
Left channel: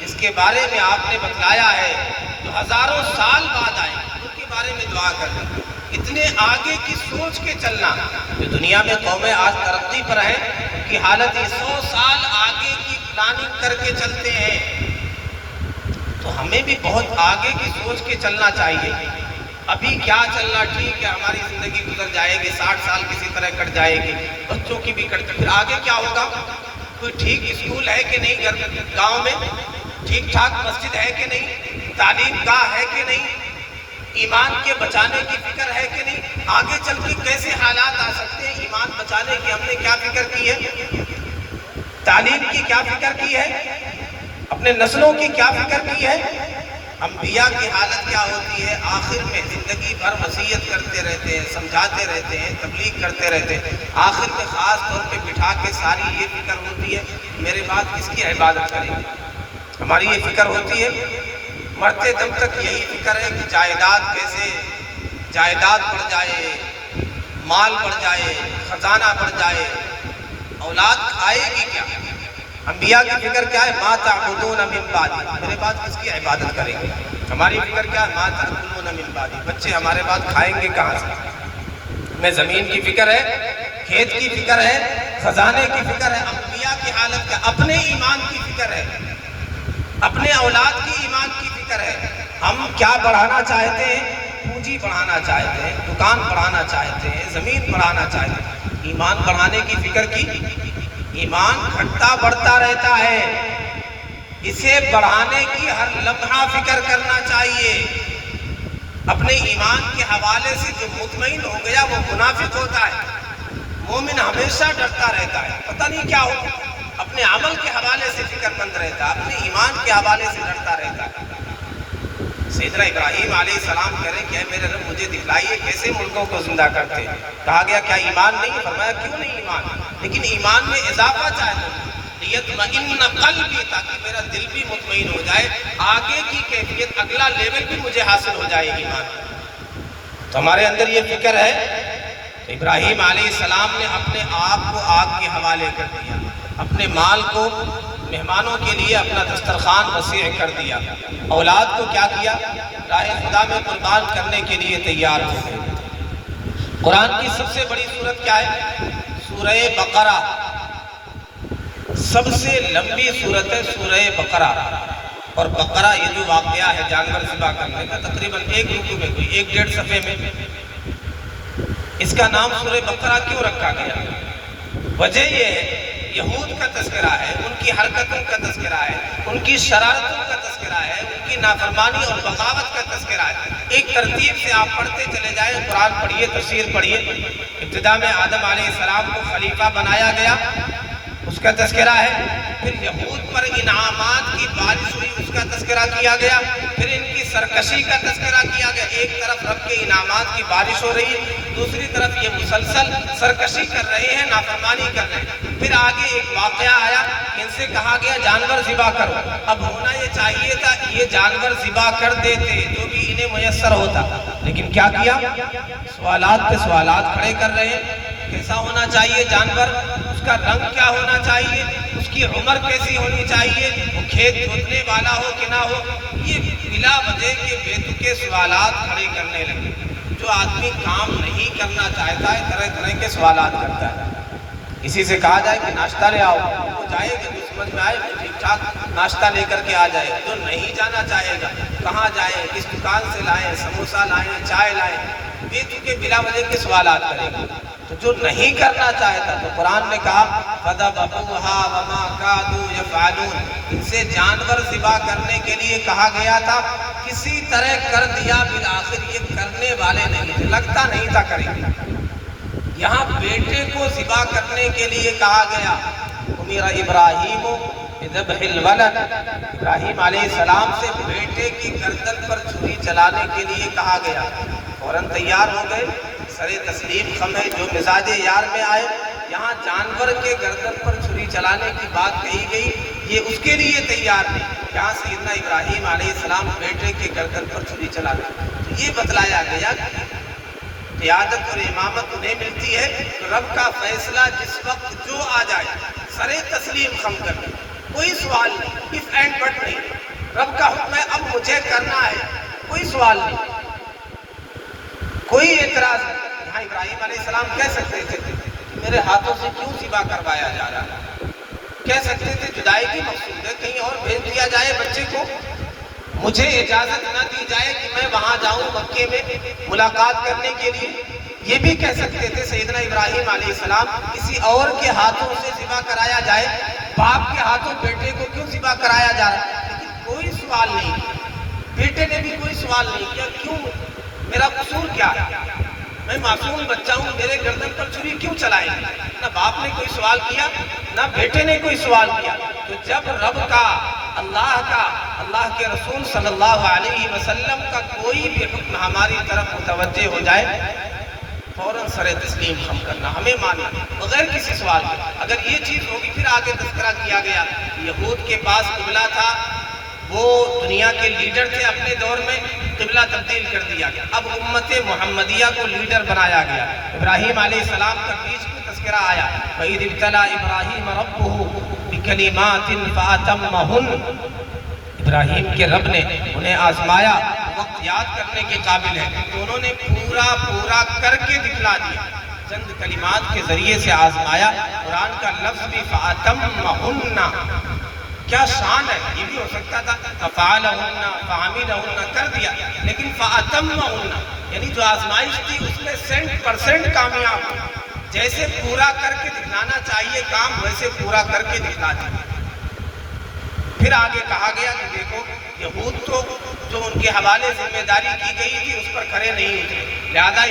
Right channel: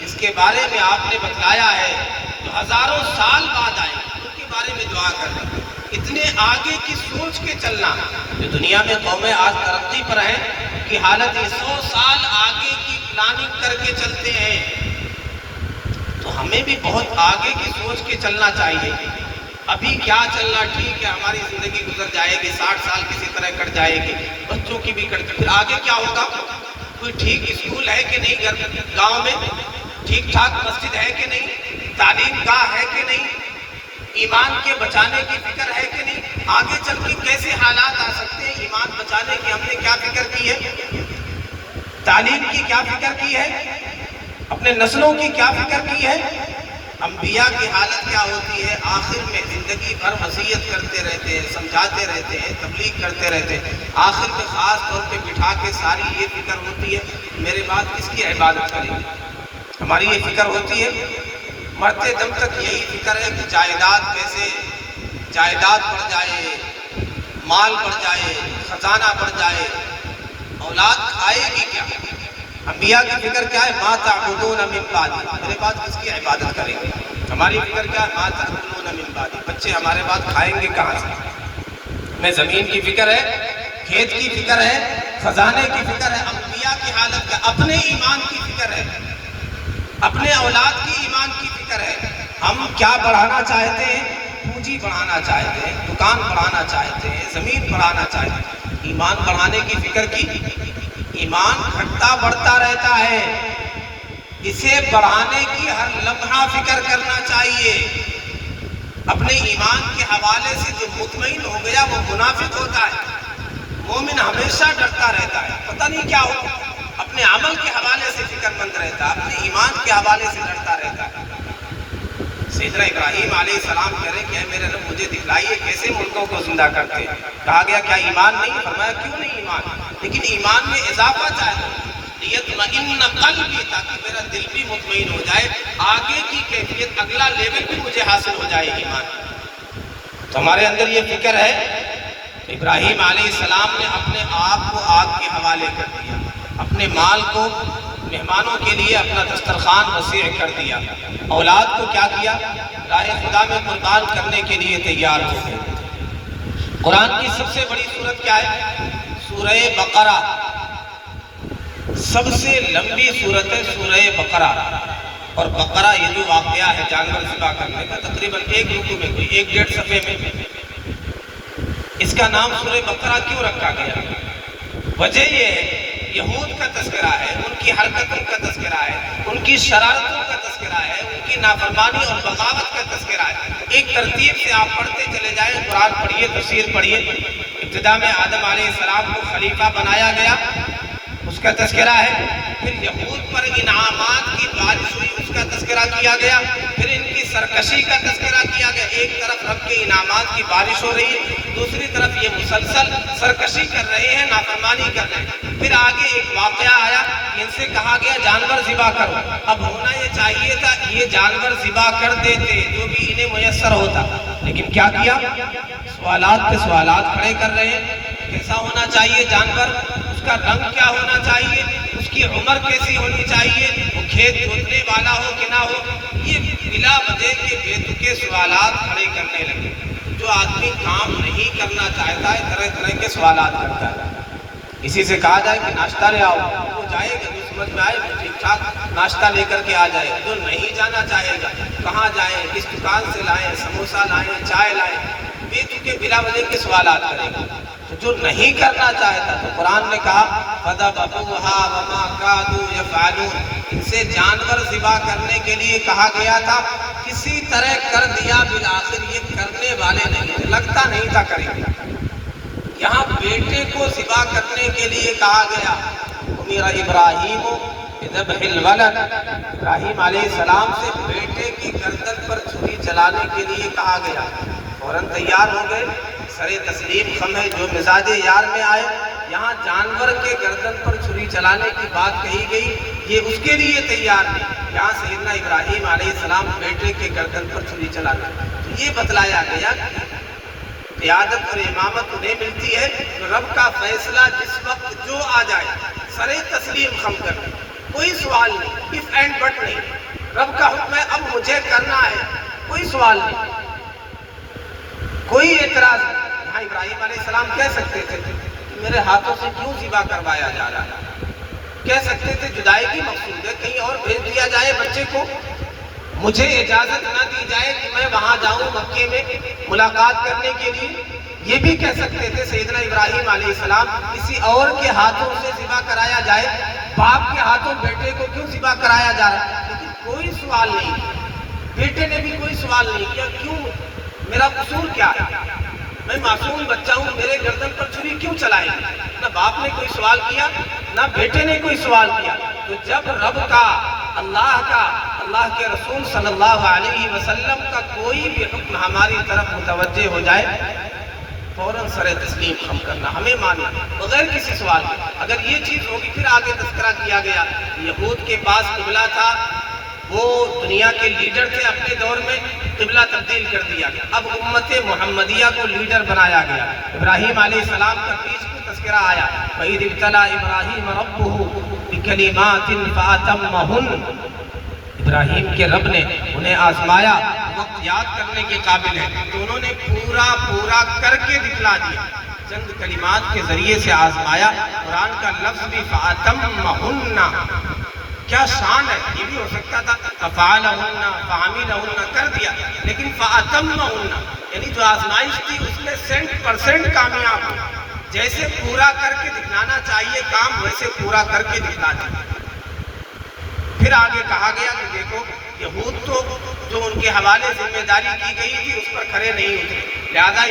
جس کے بارے میں آپ نے بتلایا ہے جو ہزاروں سال بعد آئے ان کے بارے میں دعا کرنا، اتنے آگے کی سوچ کے چلنا۔ جو دنیا میں قومیں آج ترقی پر ہیں کی حالت 100 سال آگے کی پلاننگ کر کے چلتے ہیں، تو ہمیں بھی بہت آگے کی سوچ کے چلنا چاہیے۔ ابھی کیا چلنا ٹھیک ہے، ہماری زندگی گزر جائے گی، 60 سال کسی طرح کٹ جائے گی، بچوں کی بھی کٹ، پھر آگے کیا ہوگا؟ کوئی ٹھیک اسکول ہے کہ نہیں گاؤں میں، ٹھیک ٹھاک مسجد ہے کہ نہیں، تعلیم گاہ ہے کہ نہیں، ایمان کے بچانے کی فکر ہے کہ نہیں، آگے چل کے کیسے حالات آ سکتے ہیں، ایمان بچانے کی ہم نے کیا فکر کی ہے، تعلیم کی کیا فکر کی ہے، اپنے نسلوں کی کیا فکر کی ہے۔ انبیاء کی حالت کیا ہوتی ہے، آخر میں زندگی بھر وصیت کرتے رہتے ہیں، سمجھاتے رہتے ہیں، تبلیغ کرتے رہتے ہیں، آخر میں خاص طور پہ بٹھا کے ساری یہ فکر ہوتی ہے میرے بعد کس کی عبادت کریں گے، ہماری یہ فکر ہوتی ہے۔ مرتے دم تک یہی فکر ہے کہ جائیداد کیسے، جائیداد بڑھ جائے، مال بڑھ جائے، خزانہ بڑھ جائے، اولاد کھائے گی کیا۔ انبیاء کی فکر کیا ہے، ما تعبدون من بعدی، میرے بعد کس کی عبادت کریں گے۔ ہماری فکر کیا ہے، ما تعبدون من بعدی، بچے ہمارے بعد کھائیں گے کہاں سے۔ ہمیں زمین کی فکر ہے، کھیت کی فکر ہے، خزانے کی فکر ہے۔ انبیاء کی حالت کا اپنے ایمان کی فکر ہے، اپنے اولاد کی ایمان کی فکر ہے۔ ہم کیا بڑھانا چاہتے ہیں، پونجی بڑھانا چاہتے ہیں، دکان بڑھانا چاہتے ہیں، زمین بڑھانا چاہتے ہیں، ایمان بڑھانے کی فکر کی۔ ایمان گھٹتا بڑھتا رہتا ہے، اسے بڑھانے کی ہر لمحہ فکر کرنا چاہیے۔ اپنے ایمان کے حوالے سے جو مطمئن ہو گیا وہ منافق ہوتا ہے، مومن ہمیشہ ڈرتا رہتا ہے، پتہ نہیں کیا ہو، اپنے عمل کے حوالے سے فکر مند رہتا ہے، اپنے ایمان کے حوالے سے ڈرتا رہتا ہے۔ سیدنا ابراہیم علیہ السلام کہہ رہے کہ اے میرے رب مجھے دکھلائیے کیسے مردوں کو زندہ کرتے ہیں۔ کہا گیا کیا ایمان نہیں؟ فرمایا کیوں نہیں ایمان، لیکن ایمان میں اضافہ چاہتے ہیں، لیطمئن قلبی، تاکہ میرا دل بھی مطمئن ہو جائے، آگے کی کیفیت اگلا لیول بھی مجھے حاصل ہو جائے ایمان۔ تو ہمارے اندر یہ فکر ہے، ابراہیم علیہ السلام نے اپنے آپ کو آگ کے حوالے کر دیا، اپنے مال کو مہمانوں کے لیے اپنا دسترخوان وسیع کر دیا، اولاد کو کیا کیا، راہ خدا میں قربان کرنے کے لیے تیار ہو گئے۔ قرآن کی سب سے بڑی سورت کیا ہے؟ سورہ بقرہ، سب سے لمبی سورت ہے سورہ بقرہ۔ اور بقرہ یہ جو واقعہ ہے جانور ذبح کرنے کا، تقریباً ایک رکوع میں، کوئی 1-1.5 صفحے میں، اس کا نام سورہ بقرہ کیوں رکھا گیا؟ وجہ یہ ہے، یہود کا تذکرہ ہے، ان کی حرکتوں کا تذکرہ ہے، ان کی شرارتوں کا تذکرہ ہے، ان کی نافرمانی اور بغاوت کا تذکرہ ہے۔ ایک ترتیب سے آپ پڑھتے چلے جائیں، قرآن پڑھیے، تفسیر پڑھیے۔ ابتدا میں آدم علیہ السلام کو خلیفہ بنایا گیا، اس کا تذکرہ ہے۔ پھر یہود پر انعامات کی بارش ہوئی، اس کا تذکرہ کیا گیا۔ پھر ان کی سرکشی کا تذکرہ کیا گیا، ایک طرف رب کے انعامات کی بارش ہو رہی ہے، دوسری طرف یہ مسلسل سرکشی کر رہے ہیں، نافرمانی کر رہے ہیں۔ پھر آگے ایک واقعہ آیا، ان سے کہا گیا جانور ذبح کرو۔ اب ہونا یہ چاہیے تھا یہ جانور ذبح کر دیتے جو بھی انہیں میسر ہوتا، لیکن کیا کیا؟ سوالات پہ سوالات کھڑے کر رہے ہیں۔ کیسا ہونا چاہیے جانور، اس کا رنگ کیا ہونا چاہیے، اس کی عمر کیسی ہونی چاہیے، وہ کھیت جوتنے والا ہو کہ نہ ہو، یہ بلا وجہ کے بے تکے سوالات کھڑے کرنے لگے۔ جو آدمی کام نہیں کرنا چاہتا ہے طرح طرح کے سوالات کرتا ہے۔ کسی سے کہا جائے کہ ناشتہ لے آؤ، وہ جائے گا، جو سمجھ میں آئے وہ ٹھیک ٹھاک ناشتہ لے کر کے آ جائے گا۔ جو نہیں جانا چاہے گا کہاں جائے، کس دکان سے لائیں، سموسہ لائیں، چائے لائیں، بے تکے بلا وجہ کے سوالات کرے گا۔ تو جو نہیں کرنا چاہتا تو قرآن نے کہا فَذَبَحُوهَا وَمَا كَادُوا يَفْعَلُونَ، ان سے جانور ذبح کرنے کے لیے کہا گیا تھا، کسی طرح کر دیا، بالآخر یہ کرنے والے نہیں، لگتا نہیں تھا کریں گے۔ یہاں بیٹے کو ذبح کرنے کے لیے کہا گیا، میرا ابراہیم ذبح الولد، ابراہیم علیہ السلام سے بیٹے کی گردن پر چھری چلانے کے لیے کہا گیا، فوراً تیار ہو گئے، سر تسلیم خم ہے، جو مزاج یار میں آئے یہاں جانور کے گردن پر چھری چلانے کی بات کہی گئی، یہ اس کے لیے تیار نہیں۔ یہاں سیدنا ابراہیم علیہ السلام بیٹے کے گردن پر چھری چلانا، یہ بتلایا گیا قیادت اور امامت انہیں ملتی ہے رب کا فیصلہ جس وقت جو آ جائے سرے تسلیم خم کر دیں، کوئی سوال نہیں، if and but نہیں، رب کا حکم ہے اب مجھے کرنا ہے، کوئی سوال نہیں، کوئی اعتراض نہیں۔ یہاں ابراہیم علیہ السلام کہہ سکتے تھے میرے ہاتھوں سے کیوں ذبح کروایا جا رہا ہے، کہہ سکتے تھے جدائی کی مقصود ہے کہیں اور بھیج دیا جائے بچے کو، مجھے اجازت نہ دی جائے کہ میں وہاں جاؤں مکے میں ملاقات کرنے کے لیے، یہ بھی کہہ سکتے تھے سیدنا ابراہیم علیہ السلام کسی اور کے ہاتھوں سے ذبح کرایا جائے، باپ کے ہاتھوں بیٹے کو کیوں ذبح کرایا جا رہا ہے، لیکن کوئی سوال نہیں، بیٹے نے بھی کوئی سوال نہیں کیوں میرا قصور کیا ہے، میں معصوم بچہ ہوں، میرے گردن پر چھری کیوں چلائی، نہ باپ نے کوئی سوال کیا نہ بیٹے نے کوئی سوال کیا۔ تو جب رب کا، اللہ کے رسول صلی اللہ علیہ وسلم کا کوئی بھی حکم ہماری طرف متوجہ ہو جائے فوراً سر تسلیم ہم کرنا، ہمیں ماننا بغیر کسی سوال کے۔ اگر یہ چیز ہوگی، پھر آگے تذکرہ کیا گیا یہود کے پاس قبلہ تھا، وہ دنیا کے لیڈر تھے، اپنے دور میں قبلہ تبدیل کر دیا گیا، اب امت محمدیہ کو لیڈر بنایا گیا۔ ابراہیم علیہ السلام کا بیچ میں تذکرہ آیا، وَإِذِ ابْتَلَىٰ إِبْرَاهِيمَ رَبُّهُ بِكَلِمَاتٍ فَأَتَمَّهُنَّ، ابراہیم کے رب نے انہیں آزمایا، وقت یاد کرنے کے قابل ہے تو انہوں نے پورا کر کے دکھلا دیا، چند کلمات کے ذریعے سے آزمایا۔ قرآن کا لفظ بھی فَأَتَمَّهُنَّ، کیا شان ہے، یہ بھی ہو سکتا تھا فَفَعَلَهُنَّ فَعَمِلَهُنَّ کر دیا، لیکن فَأَتَمَّهُنَّ یعنی جو آزمائش تھی اس میں 100% کامیاب ہو، جیسے پورا کر کے دکھلانا چاہیے کام ویسے پورا کر کے دکھلا دیا۔ پھر آگے کہا گیا کہ دیکھو یہود تو جو ان کے حوالے ذمہ داری کی گئی تھی اس پر کھڑے نہیں ہوتے، لہذا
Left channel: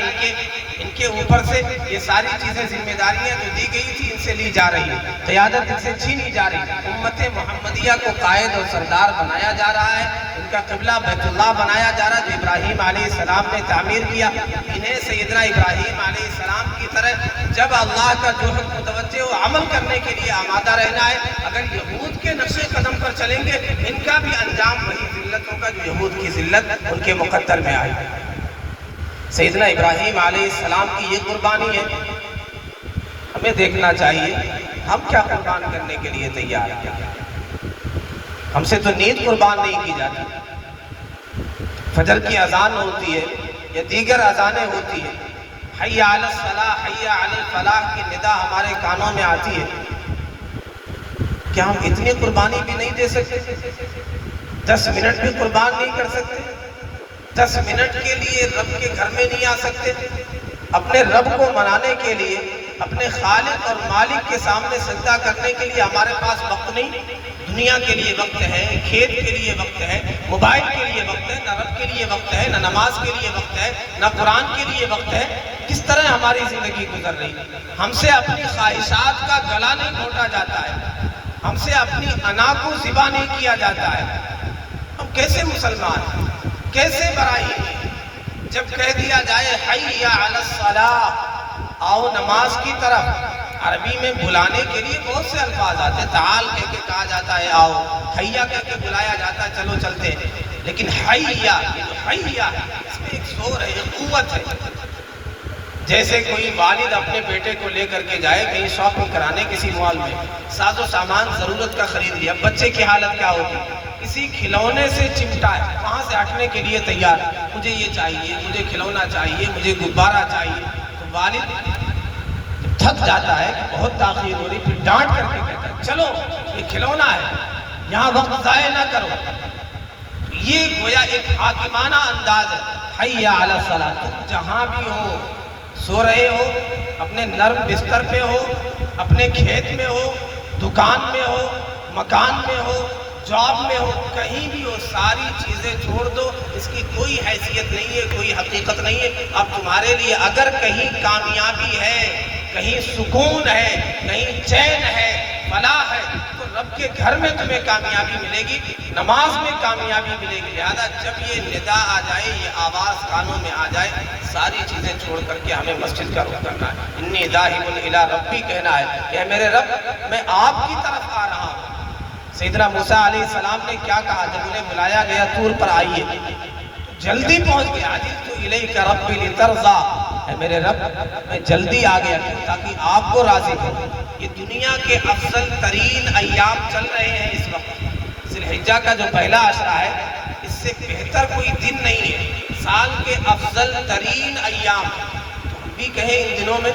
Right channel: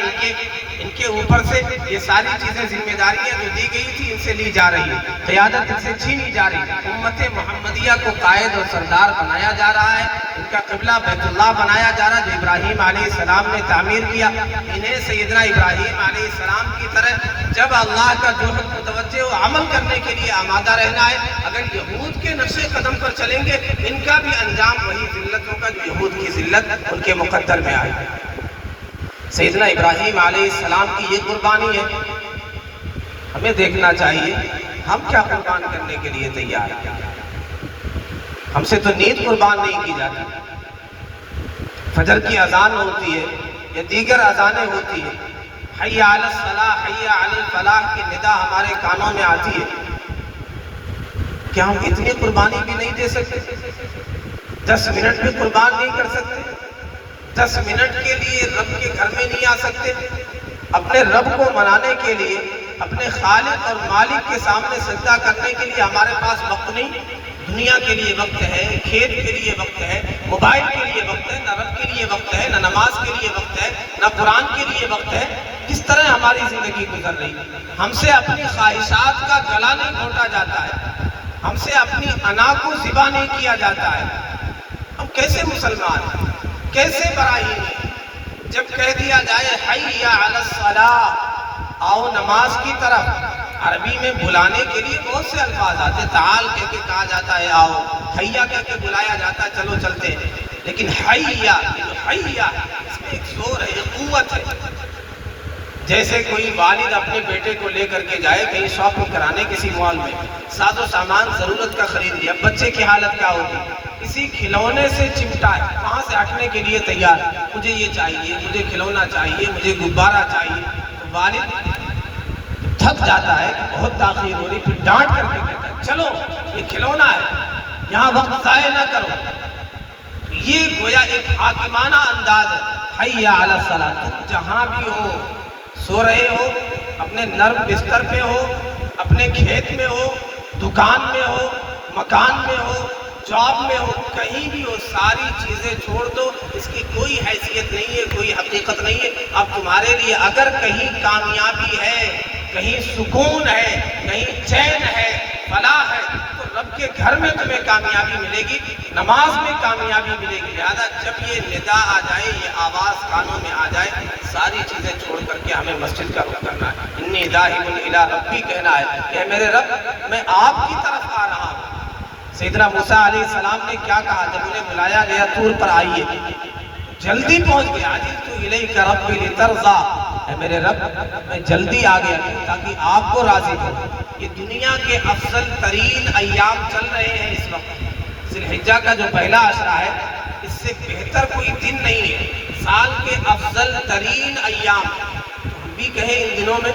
ان کے اوپر سے یہ ساری چیزیں ذمہ داریاں جو دی گئی تھی ان سے لی جا رہی ہے، قیادت ان سے چھینی جا رہی ہے، امت محمدیہ کو قائد اور سردار بنایا جا رہا ہے، ان کا قبلہ بیت اللہ بنایا جا رہا ہے جو ابراہیم علیہ السلام نے تعمیر کیا۔ انہیں سیدنا ابراہیم علیہ السلام کی طرح جب اللہ کا جو متوجہ ہو عمل کرنے کے لیے آمادہ رہنا ہے۔ اگر یہود کے نقش قدم پر چلیں گے ان کا بھی انجام وہی ذلت ہوگا جو یہود کی ذلت ان کے مقدر میں آئی۔ سیدنا ابراہیم علیہ السلام کی یہ قربانی ہے، ہمیں دیکھنا چاہیے ہم کیا قربان کرنے کے لیے تیار ہیں۔ ہم سے تو نیند قربان نہیں کی جاتی، فجر کی اذان ہوتی ہے یا دیگر اذانیں ہوتی ہیں، حی علی الصلاح حی علی الفلاح کی ندا ہمارے کانوں میں آتی ہے، کیا ہم اتنی قربانی بھی نہیں دے سکتے؟ 10 منٹ بھی قربان نہیں کر سکتے؟ 10 منٹ کے لیے رب کے گھر میں نہیں آ سکتے؟ اپنے رب کو منانے کے لیے، اپنے خالق اور مالک کے سامنے سجدہ کرنے کے لیے ہمارے پاس وقت نہیں؟ دنیا کے لیے وقت ہے، کھیت کے لیے وقت ہے، موبائل کے لیے وقت ہے، نہ رب کے لیے وقت ہے، نہ نماز کے لیے وقت ہے، نہ قرآن کے لیے وقت ہے۔ کس طرح ہماری زندگی گزر رہی ہے؟ ہم سے اپنی خواہشات کا گلا نہیں گھونٹا جاتا ہے، ہم سے اپنی انا کو ذبح نہیں کیا جاتا ہے۔ ہم کیسے مسلمان ہیں، کیسے برائی ہیں؟ جب کہہ دیا جائے حی علی الصلاح، آؤ نماز کی طرف، عربی میں بلانے کے لیے بہت سے الفاظ آتے ہیں، تعال کہہ کے کہا جاتا ہے آؤ، حیا کہہ کے بلایا جاتا ہے چلو چلتے ہیں، لیکن حیا اس میں ایک زور ہے، ایک قوت ہے۔ جیسے کوئی والد اپنے بیٹے کو لے کر کے جائے کہیں شاپنگ کرانے کسی مال میں، ساز و سامان ضرورت کا خرید لیا، بچے کی حالت کیا ہوگی؟ کسی کھلونے سے چمٹا ہے، وہاں سے ہٹنے کے لیے تیار، مجھے یہ چاہیے، مجھے کھلونا چاہیے، مجھے غبارہ چاہیے۔ تو والد تھک جاتا ہے، بہت تاخیر ہو رہی، پھر ڈانٹ کر کے کہتا ہے چلو یہ کھلونا ہے، یہاں وقت ضائع نہ کرو۔ یہ گویا ایک حاکمانہ انداز ہے، حی علی الصلاۃ، تم جہاں بھی ہو، سو رہے ہو، اپنے نرم بستر پہ ہو، اپنے کھیت میں ہو، دکان میں ہو، مکان میں ہو، جاب میں ہو، کہیں بھی ہو، ساری چیزیں چھوڑ دو، اس کی کوئی حیثیت نہیں ہے، کوئی حقیقت نہیں ہے۔ اب تمہارے لیے اگر کہیں کامیابی ہے، کہیں سکون ہے، کہیں چین ہے، فلاح ہے، تو رب کے گھر میں تمہیں کامیابی ملے گی، نماز میں کامیابی ملے گی۔ لہذا جب یہ ندا آ جائے، یہ آواز کانوں میں آ جائے، ساری چیزیں چھوڑ کر کے ہمیں مسجد کا رخ کرنا ہے۔ انی ذاہب الی ربی کہنا ہے کہ میرے رب میں آپ کی طرف آ رہا ہوں۔ سیدنا موسیٰ علیہ السلام نے کیا کہا جب انہیں بلایا گیا طور پر آئیے، جلدی پہنچ گیا، عجلت الیک ربی لترضی، اے میرے رب میں جلدی آ گیا تاکہ آپ کو راضی کروں۔ یہ دنیا کے افضل ترین ایام چل رہے ہیں اس وقت، ذی الحجہ کا جو پہلا عشرہ ہے، اس سے بہتر کوئی دن نہیں ہے۔ سال کے افضل ترین ایام، ہم بھی کہیں ان دنوں میں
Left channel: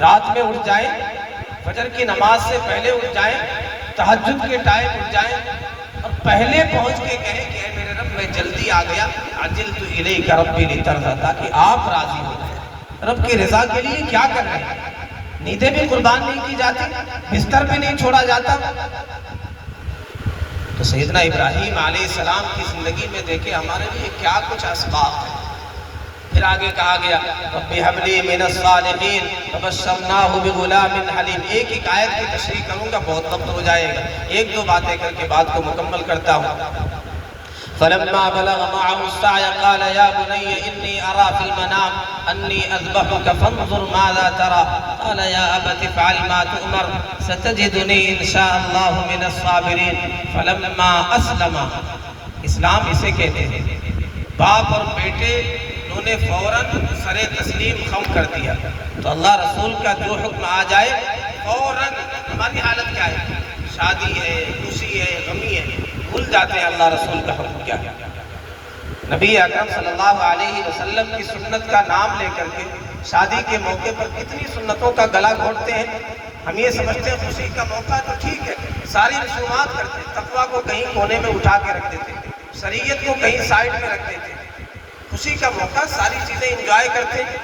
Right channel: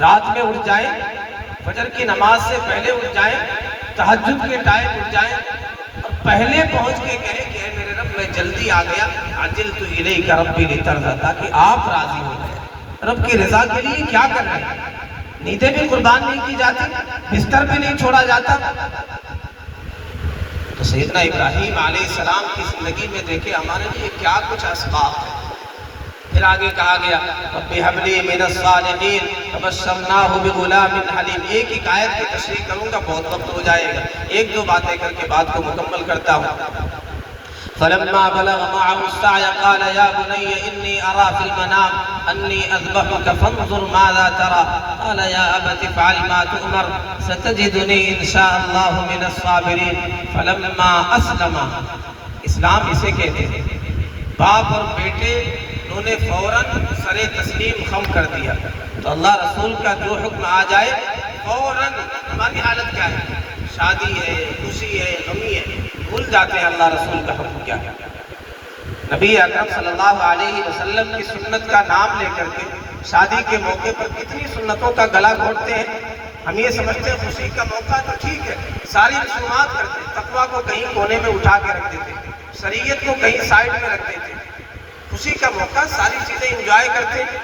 رات میں اٹھ جائیں، فجر کی نماز سے پہلے اٹھ جائیں، تہجد کے ٹائم اٹھ جائیں اور پہلے پہنچ کے کہیں کہ اے میرے رب میں جلدی آ گیا، عجلت الیک ربی لترضی، تاکہ آپ راضی ہو جائیں۔ رب کی رضا کے لیے کیا کر رہے ہیں؟ نیندیں بھی قربان نہیں کی جاتی، بستر بھی نہیں چھوڑا جاتا۔ تو سیدنا ابراہیم علیہ السلام کی زندگی میں دیکھیں ہمارے لیے کیا کچھ اسباب ہے۔ پھر آگے کہا گیا رب ہب لی من الصالحین فبشرناہ بغلام حلیم۔ ایک ایک آیت کی تشریح کروں گا، بہت وقت ہو جائے گا، ایک دو باتیں کر کے بات کو مکمل کرتا ہوں۔ فلما بلغ معه السعي قال يا بني إني أرى في المنام أني أذبحك فانظر ماذا ترى قال يا أبت افعل ما تؤمر ستجدني إن شاء الله من الصابرين فلما أسلم، اسلام اسے کہتے ہیں، باپ اور بیٹے انہوں نے فوراً سر تسلیم خم کر دیا۔ تو اللہ رسول کا جو حکم آ جائے فوراً، ہماری حالت کیا ہے؟ شادی ہے، خوشی ہے، غمی ہے، بھول جاتے ہیں اللہ رسول کا حکم کیا ہے۔ نبی اکرم صلی اللہ علیہ وسلم کی سنت کا نام لے کر کے شادی کے موقع پر کتنی سنتوں کا گلا گھونٹتے ہیں۔ ہم یہ سمجھتے ہیں خوشی کا موقع تو ٹھیک ہے، ساری رسومات کرتے ہیں، تقویٰ کو کہیں کونے میں اٹھا کے رکھ دیتے ہیں، شریعت کو کہیں سائڈ میں رکھ دیتے ہیں۔ خوشی کا موقع ساری چیزیں انجوائے کرتے ہیں،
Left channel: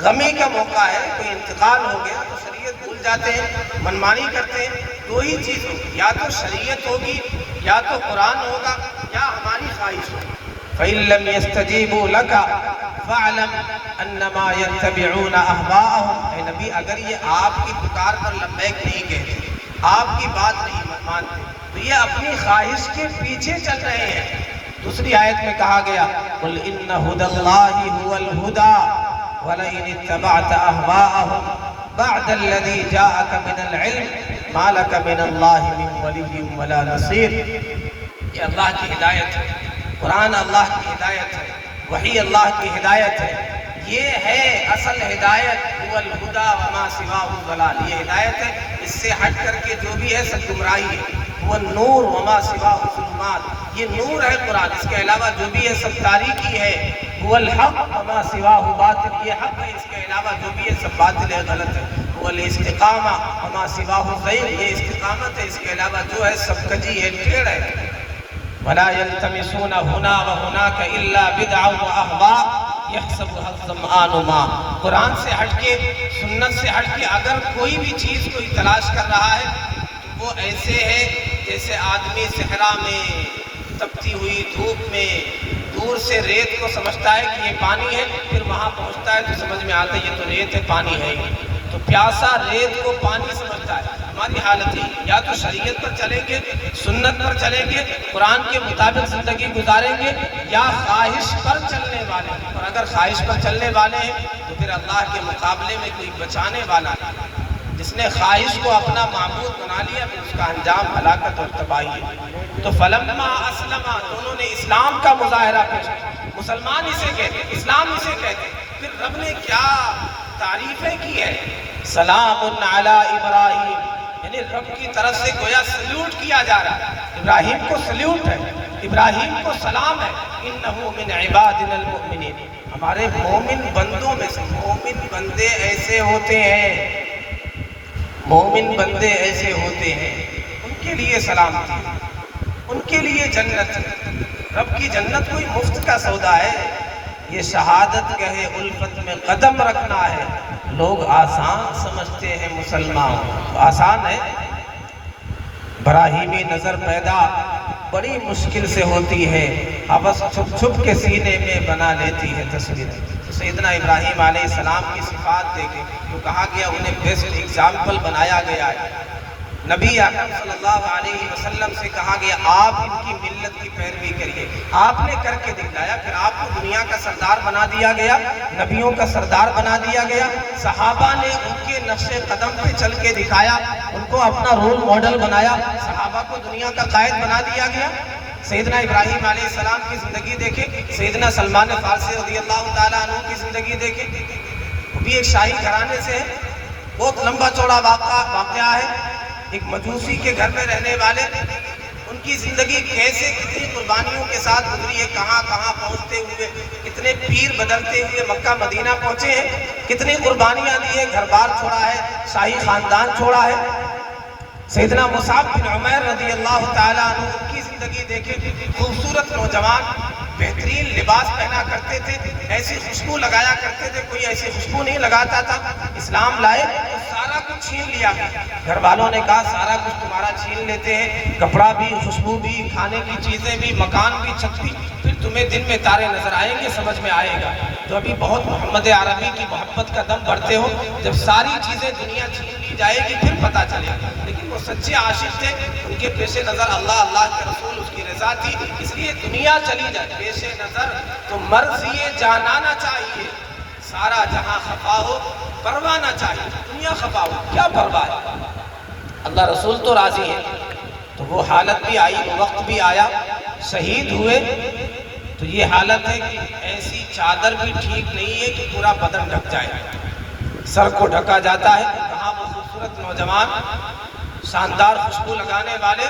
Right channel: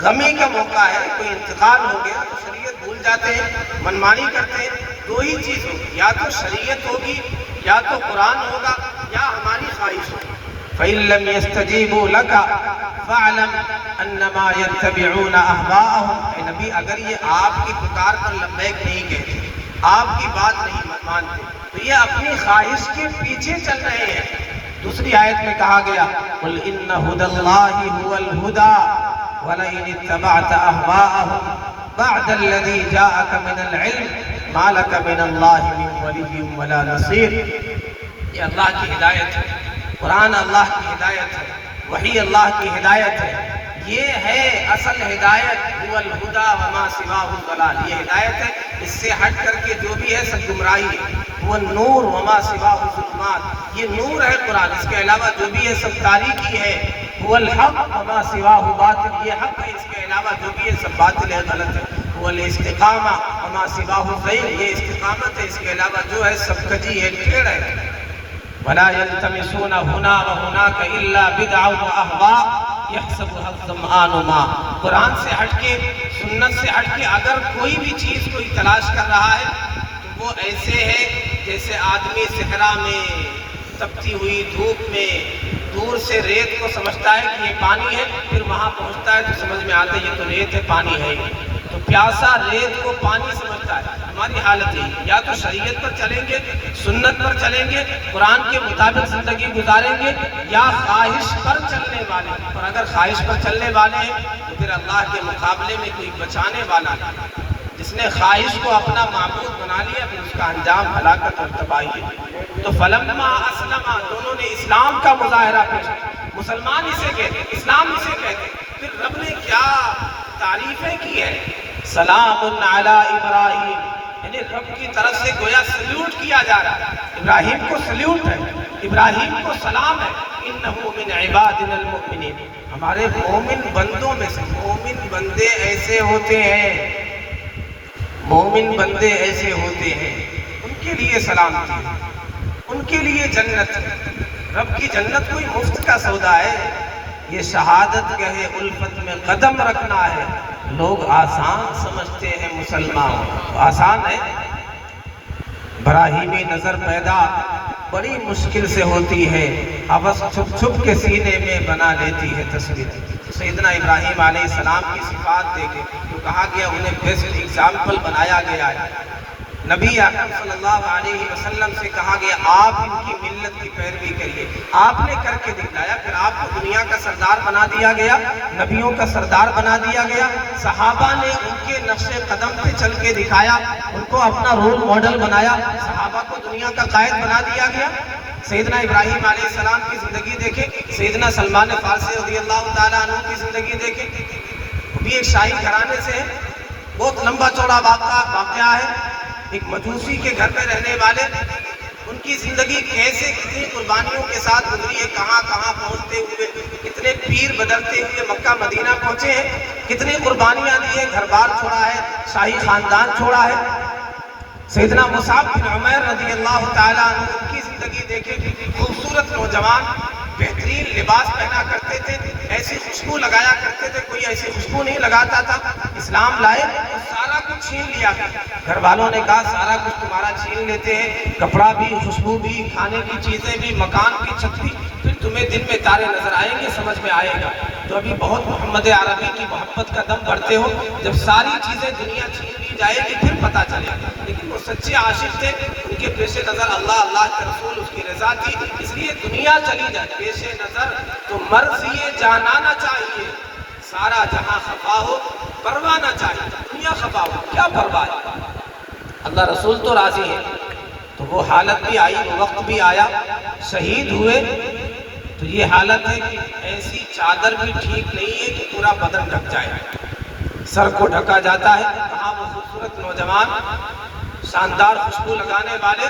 غمی کا موقع ہے، کوئی انتقال ہو گیا تو شریعت بھول جاتے ہیں، منمانی کرتے ہیں۔ دو ہی چیز ہوگی، یا تو شریعت ہوگی، یا تو قرآن ہوگا، یا ہماری خواہش ہوگی۔ فَإِن لَّمْ يَسْتَجِيبُوا لَكَ فَاعْلَمْ أَنَّمَا يَتَّبِعُونَ أَهْوَاءَهُمْ۔ اے نبی اگر یہ آپ کی پکار پر لبیک نہیں کہتے، آپ کی بات نہیں مانتے، تو یہ اپنی خواہش کے پیچھے چل رہے ہیں۔ دوسری آیت میں کہا گیا قُلْ إِنَّ هُدَى اللَّهِ هُوَ الْهُدَى وَلَئِنِ اتَّبَعْتَ أَهْوَاءَهُمْ بعد الذي جاءك من العلم ما لك من الله من ولي ولا نصير۔ یہ اللہ کی ہدایت ہے، قرآن اللہ کی ہدایت ہے، وحی اللہ کی ہدایت ہے، یہ ہے اصل ہدایت۔ هو الهدى وما سواه الضلال، یہ ہدایت ہے، اس سے ہٹ کر کے جو بھی ہے سب گمراہی ہے۔ هو النور وما سواه الظلمات، یہ نور ہے قرآن، اس کے علاوہ جو بھی ہے سب تاریکی ہے۔ هو الحق وما سواه باطل، یہ حق ہے، اس کے علاوہ جو بھی ہے سب باطل ہے، غلط ہے۔ هو الاستقامہ وما سواه غیر، یہ استقامت ہے، اس کے علاوہ جو ہے سب کجی ہے، ٹیڑھ ہے۔ ولا يلتمسون هنا وهناك الا بدعا واهواء يحسبها الظمآن ماء۔ قرآن سے ہٹ کے، سنت سے ہٹ کے اگر کوئی بھی چیز کوئی تلاش کر رہا ہے تو وہ ایسے ہے جیسے آدمی صحرا میں تپتی ہوئی دھوپ میں دور سے ریت کو سمجھتا ہے کہ یہ پانی ہے، پھر وہاں پہنچتا ہے تو سمجھ میں آتا ہے یہ تو ریت ہے، پانی ہے ہی۔ تو پیاسا ریت کو پانی سمجھتا ہے۔ ہماری حالت ہے یا تو شریعت پر چلیں گے، سنت پر چلیں گے، قرآن کے مطابق زندگی گزاریں گے، یا خواہش پر چلنے والے ہیں۔ اور اگر خواہش پر چلنے والے ہیں تو پھر اللہ کے مقابلے میں کوئی بچانے والا نہیں۔ جس نے خواہش کو اپنا معبود بنا لیا پھر اس کا انجام ہلاکت اور تباہی ہے۔ تو فلما اسلما، دونوں نے اسلام کا مظاہرہ پیش کیا۔ مسلمان اسے کہتے ہیں، اسلام اسے کہتے ہیں۔ پھر رب نے کیا تعریفیں کی ہے، سلام علی ابراہیم، یعنی رب کی طرف سے گویا سلیوٹ کیا جا رہا ہے۔ ابراہیم کو سلیوٹ ہے، ابراہیم کو سلام ہے۔ انہ من عبادنا المؤمنین، ہمارے مومن بندوں میں سے۔ مومن بندے ایسے ہوتے ہیں، مومن بندے ایسے ہوتے ہیں، ان کے لیے سلامتی، ان کے لیے جنت۔ رب کی جنت کوئی مفت کا سودا ہے، یہ شہادت گہے الفت میں قدم رکھنا ہے۔ لوگ آسان سمجھتے ہیں مسلمان، آسان ہے، براہیمی نظر پیدا بڑی مشکل سے ہوتی ہے، ہوس چھپ چھپ کے سینے میں بنا لیتی ہے تصویر۔ سیدنا ابراہیم علیہ السلام کی صفات دیکھیں، جو کہا گیا انہیں بیسٹ ایگزامپل بنایا گیا ہے۔ نبی اکرم صلی اللہ علیہ وسلم سے کہا گیا آپ ان کی ملت کی پیروی کریے، آپ نے کر کے دکھلایا، پھر آپ کو دنیا کا سردار بنا دیا گیا، نبیوں کا سردار بنا دیا گیا، صحابہ نے ان کے نقش قدم پہ چل کے دکھایا، ان کو اپنا رول ماڈل بنایا، صحابہ کو دنیا کا قائد بنا دیا گیا۔ سیدنا ابراہیم علیہ السلام کی زندگی دیکھیں، سیدنا سلمان فارسی رضی اللہ تعالیٰ عنہ کی زندگی دیکھیں، وہ بھی ایک شاہی گھرانے سے ہے، بہت لمبا چوڑا واقعہ ہے، ایک مجوسی کے گھر میں رہنے والے، ان کی زندگی کیسے کتنی قربانیوں کے ساتھ گزری ہے، کہاں کہاں پہنچتے ہوئے، کتنے پیر بدلتے ہوئے مکہ مدینہ پہنچے ہیں، کتنی قربانیاں دی ہیں، گھر بار چھوڑا ہے، شاہی خاندان چھوڑا ہے۔ سیدنا مصعب بن عمیر رضی اللہ تعالیٰ عنہ، ان کی زندگی دیکھیں، خوبصورت نوجوان، بہترین لباس پہنا کرتے تھے، ایسی خوشبو لگایا کرتے تھے، کوئی ایسی خوشبو نہیں لگاتا تھا۔ اسلام لائے تو سارا کچھ چھین لیا، گھر والوں نے کہا سارا کچھ تمہارا چھین لیتے ہیں، کپڑا بھی، خوشبو بھی، کھانے کی چیزیں بھی، مکان بھی، چھت بھی، پھر تمہیں دن میں تارے نظر آئیں گے، سمجھ میں آئے گا۔ تو ابھی بہت محمد عربی کی محبت کا دم بھرتے ہو، جب ساری چیزیں دنیا چھین لی جائے گی پھر پتہ چلے گا۔ لیکن وہ سچے عاشق تھے، ان کے پیش نظر اللہ، اللہ کے رسول، اس کی رضا تھی، اس لیے دنیا چلی جائے پیش نظر تو مرضی جانا نہ چاہیے، سارا جہاں خفا ہو پرواہ نہ چاہیے، دنیا خفا ہو کیا پرواہ ہے، اللہ رسول تو راضی ہے۔ تو وہ حالت بھی آئی، وہ وقت بھی آیا، شہید ہوئے تو یہ حالت ہے کہ ایسی چادر بھی ٹھیک نہیں ہے کہ پورا بدن ڈھک جائے، سر کو ڈھکا جاتا ہے۔ کہاں وہ خوبصورت نوجوان، شاندار خوشبو لگانے والے،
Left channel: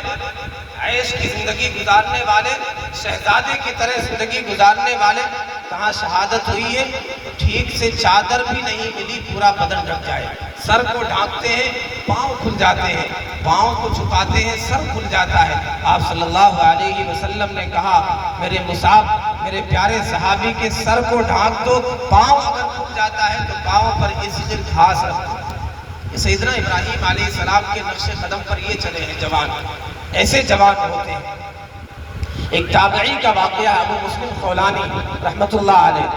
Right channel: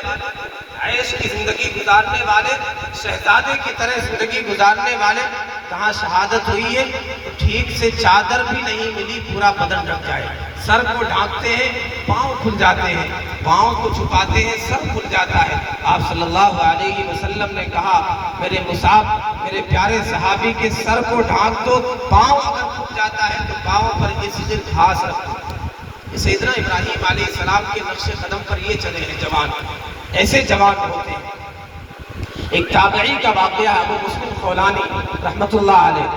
عیش کی زندگی گزارنے والے، شہزادے کی طرح زندگی گزارنے والے، کہاں شہادت ہوئی ہے تو ٹھیک سے چادر بھی نہیں ملی، پورا بدن ڈھک جائے، سر کو ڈھانپتے ہیں پاؤں کھل جاتے ہیں، پاؤں کو چھپاتے ہیں سر کھل جاتا ہے۔ آپ صلی اللہ علیہ وسلم نے کہا میرے مصعب، میرے پیارے صحابی کے سر کو ڈھانپ دو، پاؤں اگر کھل جاتا ہے تو پاؤں پر اس دن گھاس رکھ دو۔ سیدنا ابراہیم علیہ السلام کے نقش قدم پر یہ چلے ہیں جوان، ایسے جوان ہوتے ہیں۔ ایک تابعی کا واقعہ ابو مسلم خولانی رحمت اللہ علیہ،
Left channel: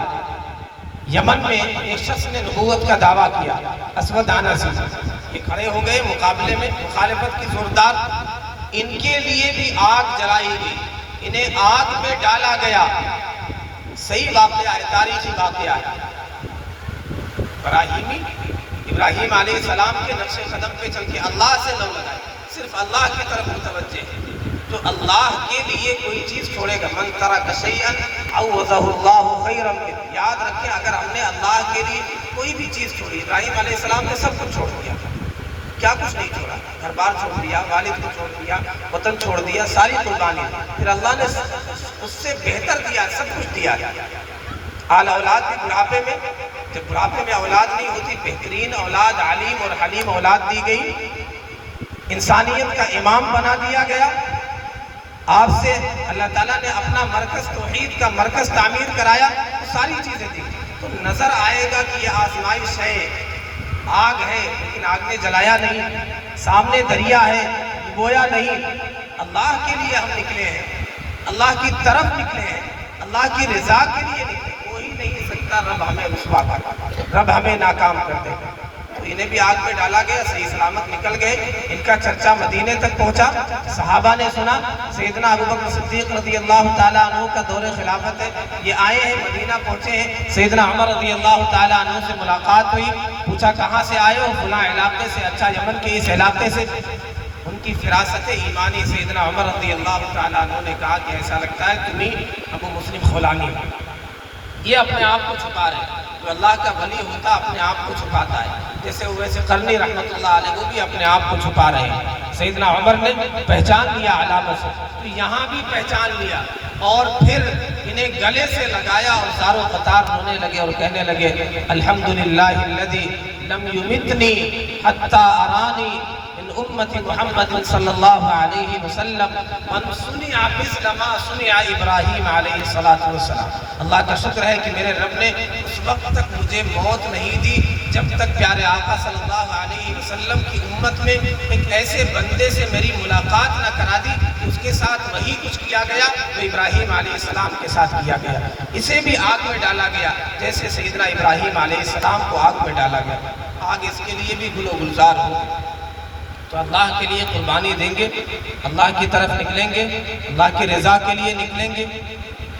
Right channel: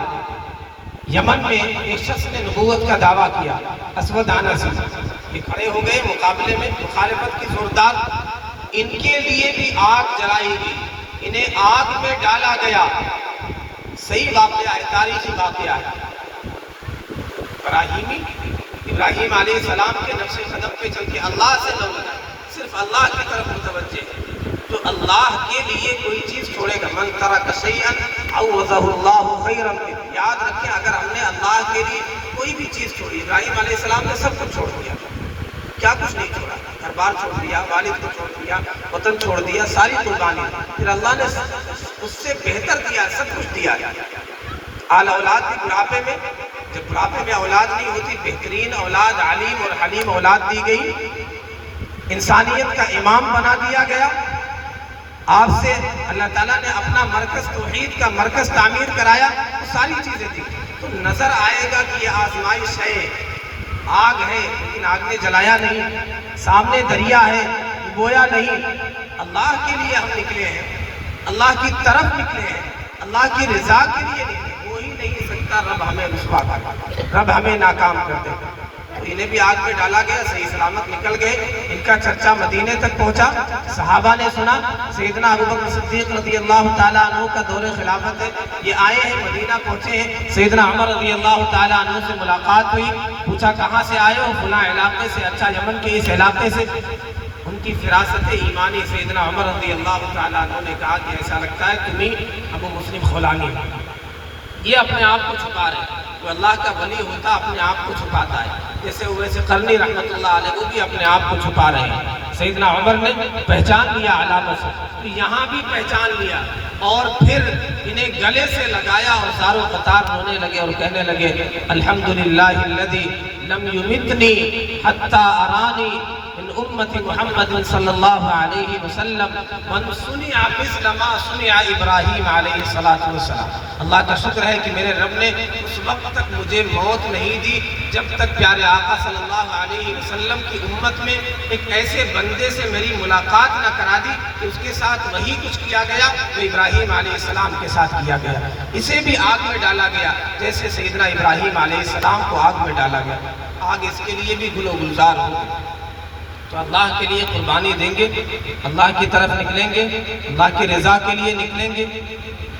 یمن میں ایک شخص نے نبوت کا دعویٰ کیا، اسود عنسی، یہ کھڑے ہو گئے مقابلے میں، مخالفت کی زوردار، ان کے لیے بھی آگ جلائی گئی، انہیں آگ میں ڈالا گیا، صحیح واقعہ ہے، تاریخی واقعہ ہے۔ ابراہیم علیہ السلام کے نقش قدم پہ چل کے اللہ سے نہ لگائے، صرف اللہ کی طرف متوجہ ہے، جو اللہ کے لیے کوئی چیز چھوڑے گا، من ترک شیئا عوضہ اللہ خیرا منہ، یاد رکھیں اگر ہم نے اللہ کے لیے کوئی بھی چیز چھوڑی، ابراہیم علیہ السلام نے سب کچھ چھوڑ دیا، کیا کچھ نہیں چھوڑا، گھر بار چھوڑ دیا، والد کو چھوڑ دیا، وطن چھوڑ دیا، ساری قربانی، پھر اللہ نے اس سے بہتر دیا، سب کچھ دیا۔ آل اولاد بھی بڑھاپے میں، جب بڑھاپے میں اولاد نہیں ہوتی، بہترین اولاد، علیم اور حلیم اولاد دی گئی، انسانیت کا امام بنا دیا گیا۔ آپ سے اللہ تعالیٰ نے اپنا مرکز، توحید کا مرکز تعمیر کرایا، تو ساری چیزیں دی، تو نظر آئے گا کہ یہ آزمائش ہے، آگ ہے لیکن آگ نے جلایا نہیں، سامنے دریا ہے ڈبویا نہیں، اللہ کے لیے ہم نکلے ہیں، اللہ کی طرف نکلے ہیں، اللہ کی رضا کے لیے نکلے، وہی نہیں سکتا رب ہمیں رسوا کر، رب ہمیں ناکام کر دے۔ انہیں بھی آگ میں ڈالا گیا، صحیح سلامت نکل گئے، ان کا چچا مدینے تک پہنچا، صحابہ نے سنا سیدنا ابوبکر صدیق رضی اللہ تعالیٰ عنہ کا دور خلافت ہے، یہ آئے ہیں مدینہ پہنچے ہیں، سیدنا عمر رضی اللہ تعالیٰ عنہ سے ملاقات ہوئی، پوچھا کہاں سے آئے ہو، فلاں علاقے سے، اچھا یمن کے اس علاقے سے، ان کی فراست ایمانی سیدنا عمر رضی اللہ تعالیٰ عنہ نے کہا کہ ایسا لگتا ہے تمہیں ابو مسلم خولانی، یہ اپنے آپ کو چھپا رہے ہیں، جو اللہ کا ولی ہوتا اپنے آپ کو چھپاتا ہے، جیسے اویس قرنی رحمت اللہ علیہ وہ بھی اپنے آپ کو چھپا رہے ہیں۔ سیدنا عمر نے پہچان لیا علامت سے، تو یہاں بھی پہچان لیا، اور پھر انہیں گلے سے لگایا اور زاروں قطار رونے لگے اور کہنے لگے الحمدللہ الذی لم یمتنی حتی ارانی من امت محمد صلی اللہ علیہ وسلم من سنع مثل ما سنع ابراہیم علیہ السلام۔ اللہ کا شکر ہے کہ میرے رب نے اس وقت تک مجھے موت نہیں دی جب تک پیارے آقا صلی اللہ علیہ وسلم کی امت میں ایک ایسے بندے سے میری ملاقات نہ کرا دی کہ اس کے ساتھ وہی کچھ کیا گیا جو ابراہیم علیہ السلام کے ساتھ کیا گیا، اسے بھی آگ میں ڈالا گیا جیسے سیدنا ابراہیم علیہ السلام کو آگ میں ڈالا گیا، آگ اس کے لیے بھی گل و گلزار ہو گئی۔ تو اللہ کے لیے قربانی دیں گے، اللہ کی طرف نکلیں گے، اللہ کی رضا کے لیے نکلیں گے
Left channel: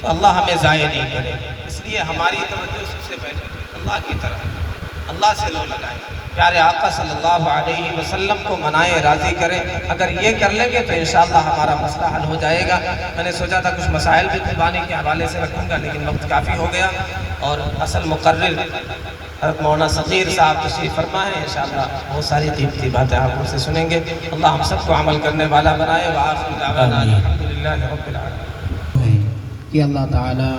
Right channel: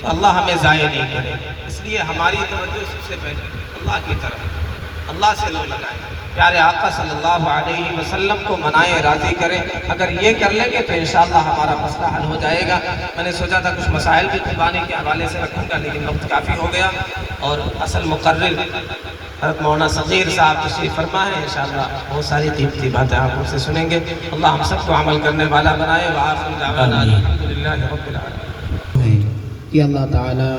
تو اللہ ہمیں ضائع نہیں کرے. اس لیے ہماری توجہ سب سے پہلے اللہ کی طرف، اللہ سے لو لگائیں، پیارے آقا صلی اللہ علیہ وسلم کو منائیں، راضی کریں. اگر یہ کر لیں گے تو انشاءاللہ ہمارا مسئلہ حل ہو جائے گا. میں نے سوچا تھا کچھ مسائل بھی قربانی کے حوالے سے رکھوں گا لیکن وقت کافی ہو گیا، اور اصل مقرر حضرت مولانا صغیر صاحب تشریف فرما ہے. انشاءاللہ بہت ساری قیمتی باتیں آپ ان سے سنیں گے. اللہ ہم سب کو عمل کرنے والا بنائے. وآخر دعوانا الحمدللہ رب العالمین. کہ اللہ تعالیٰ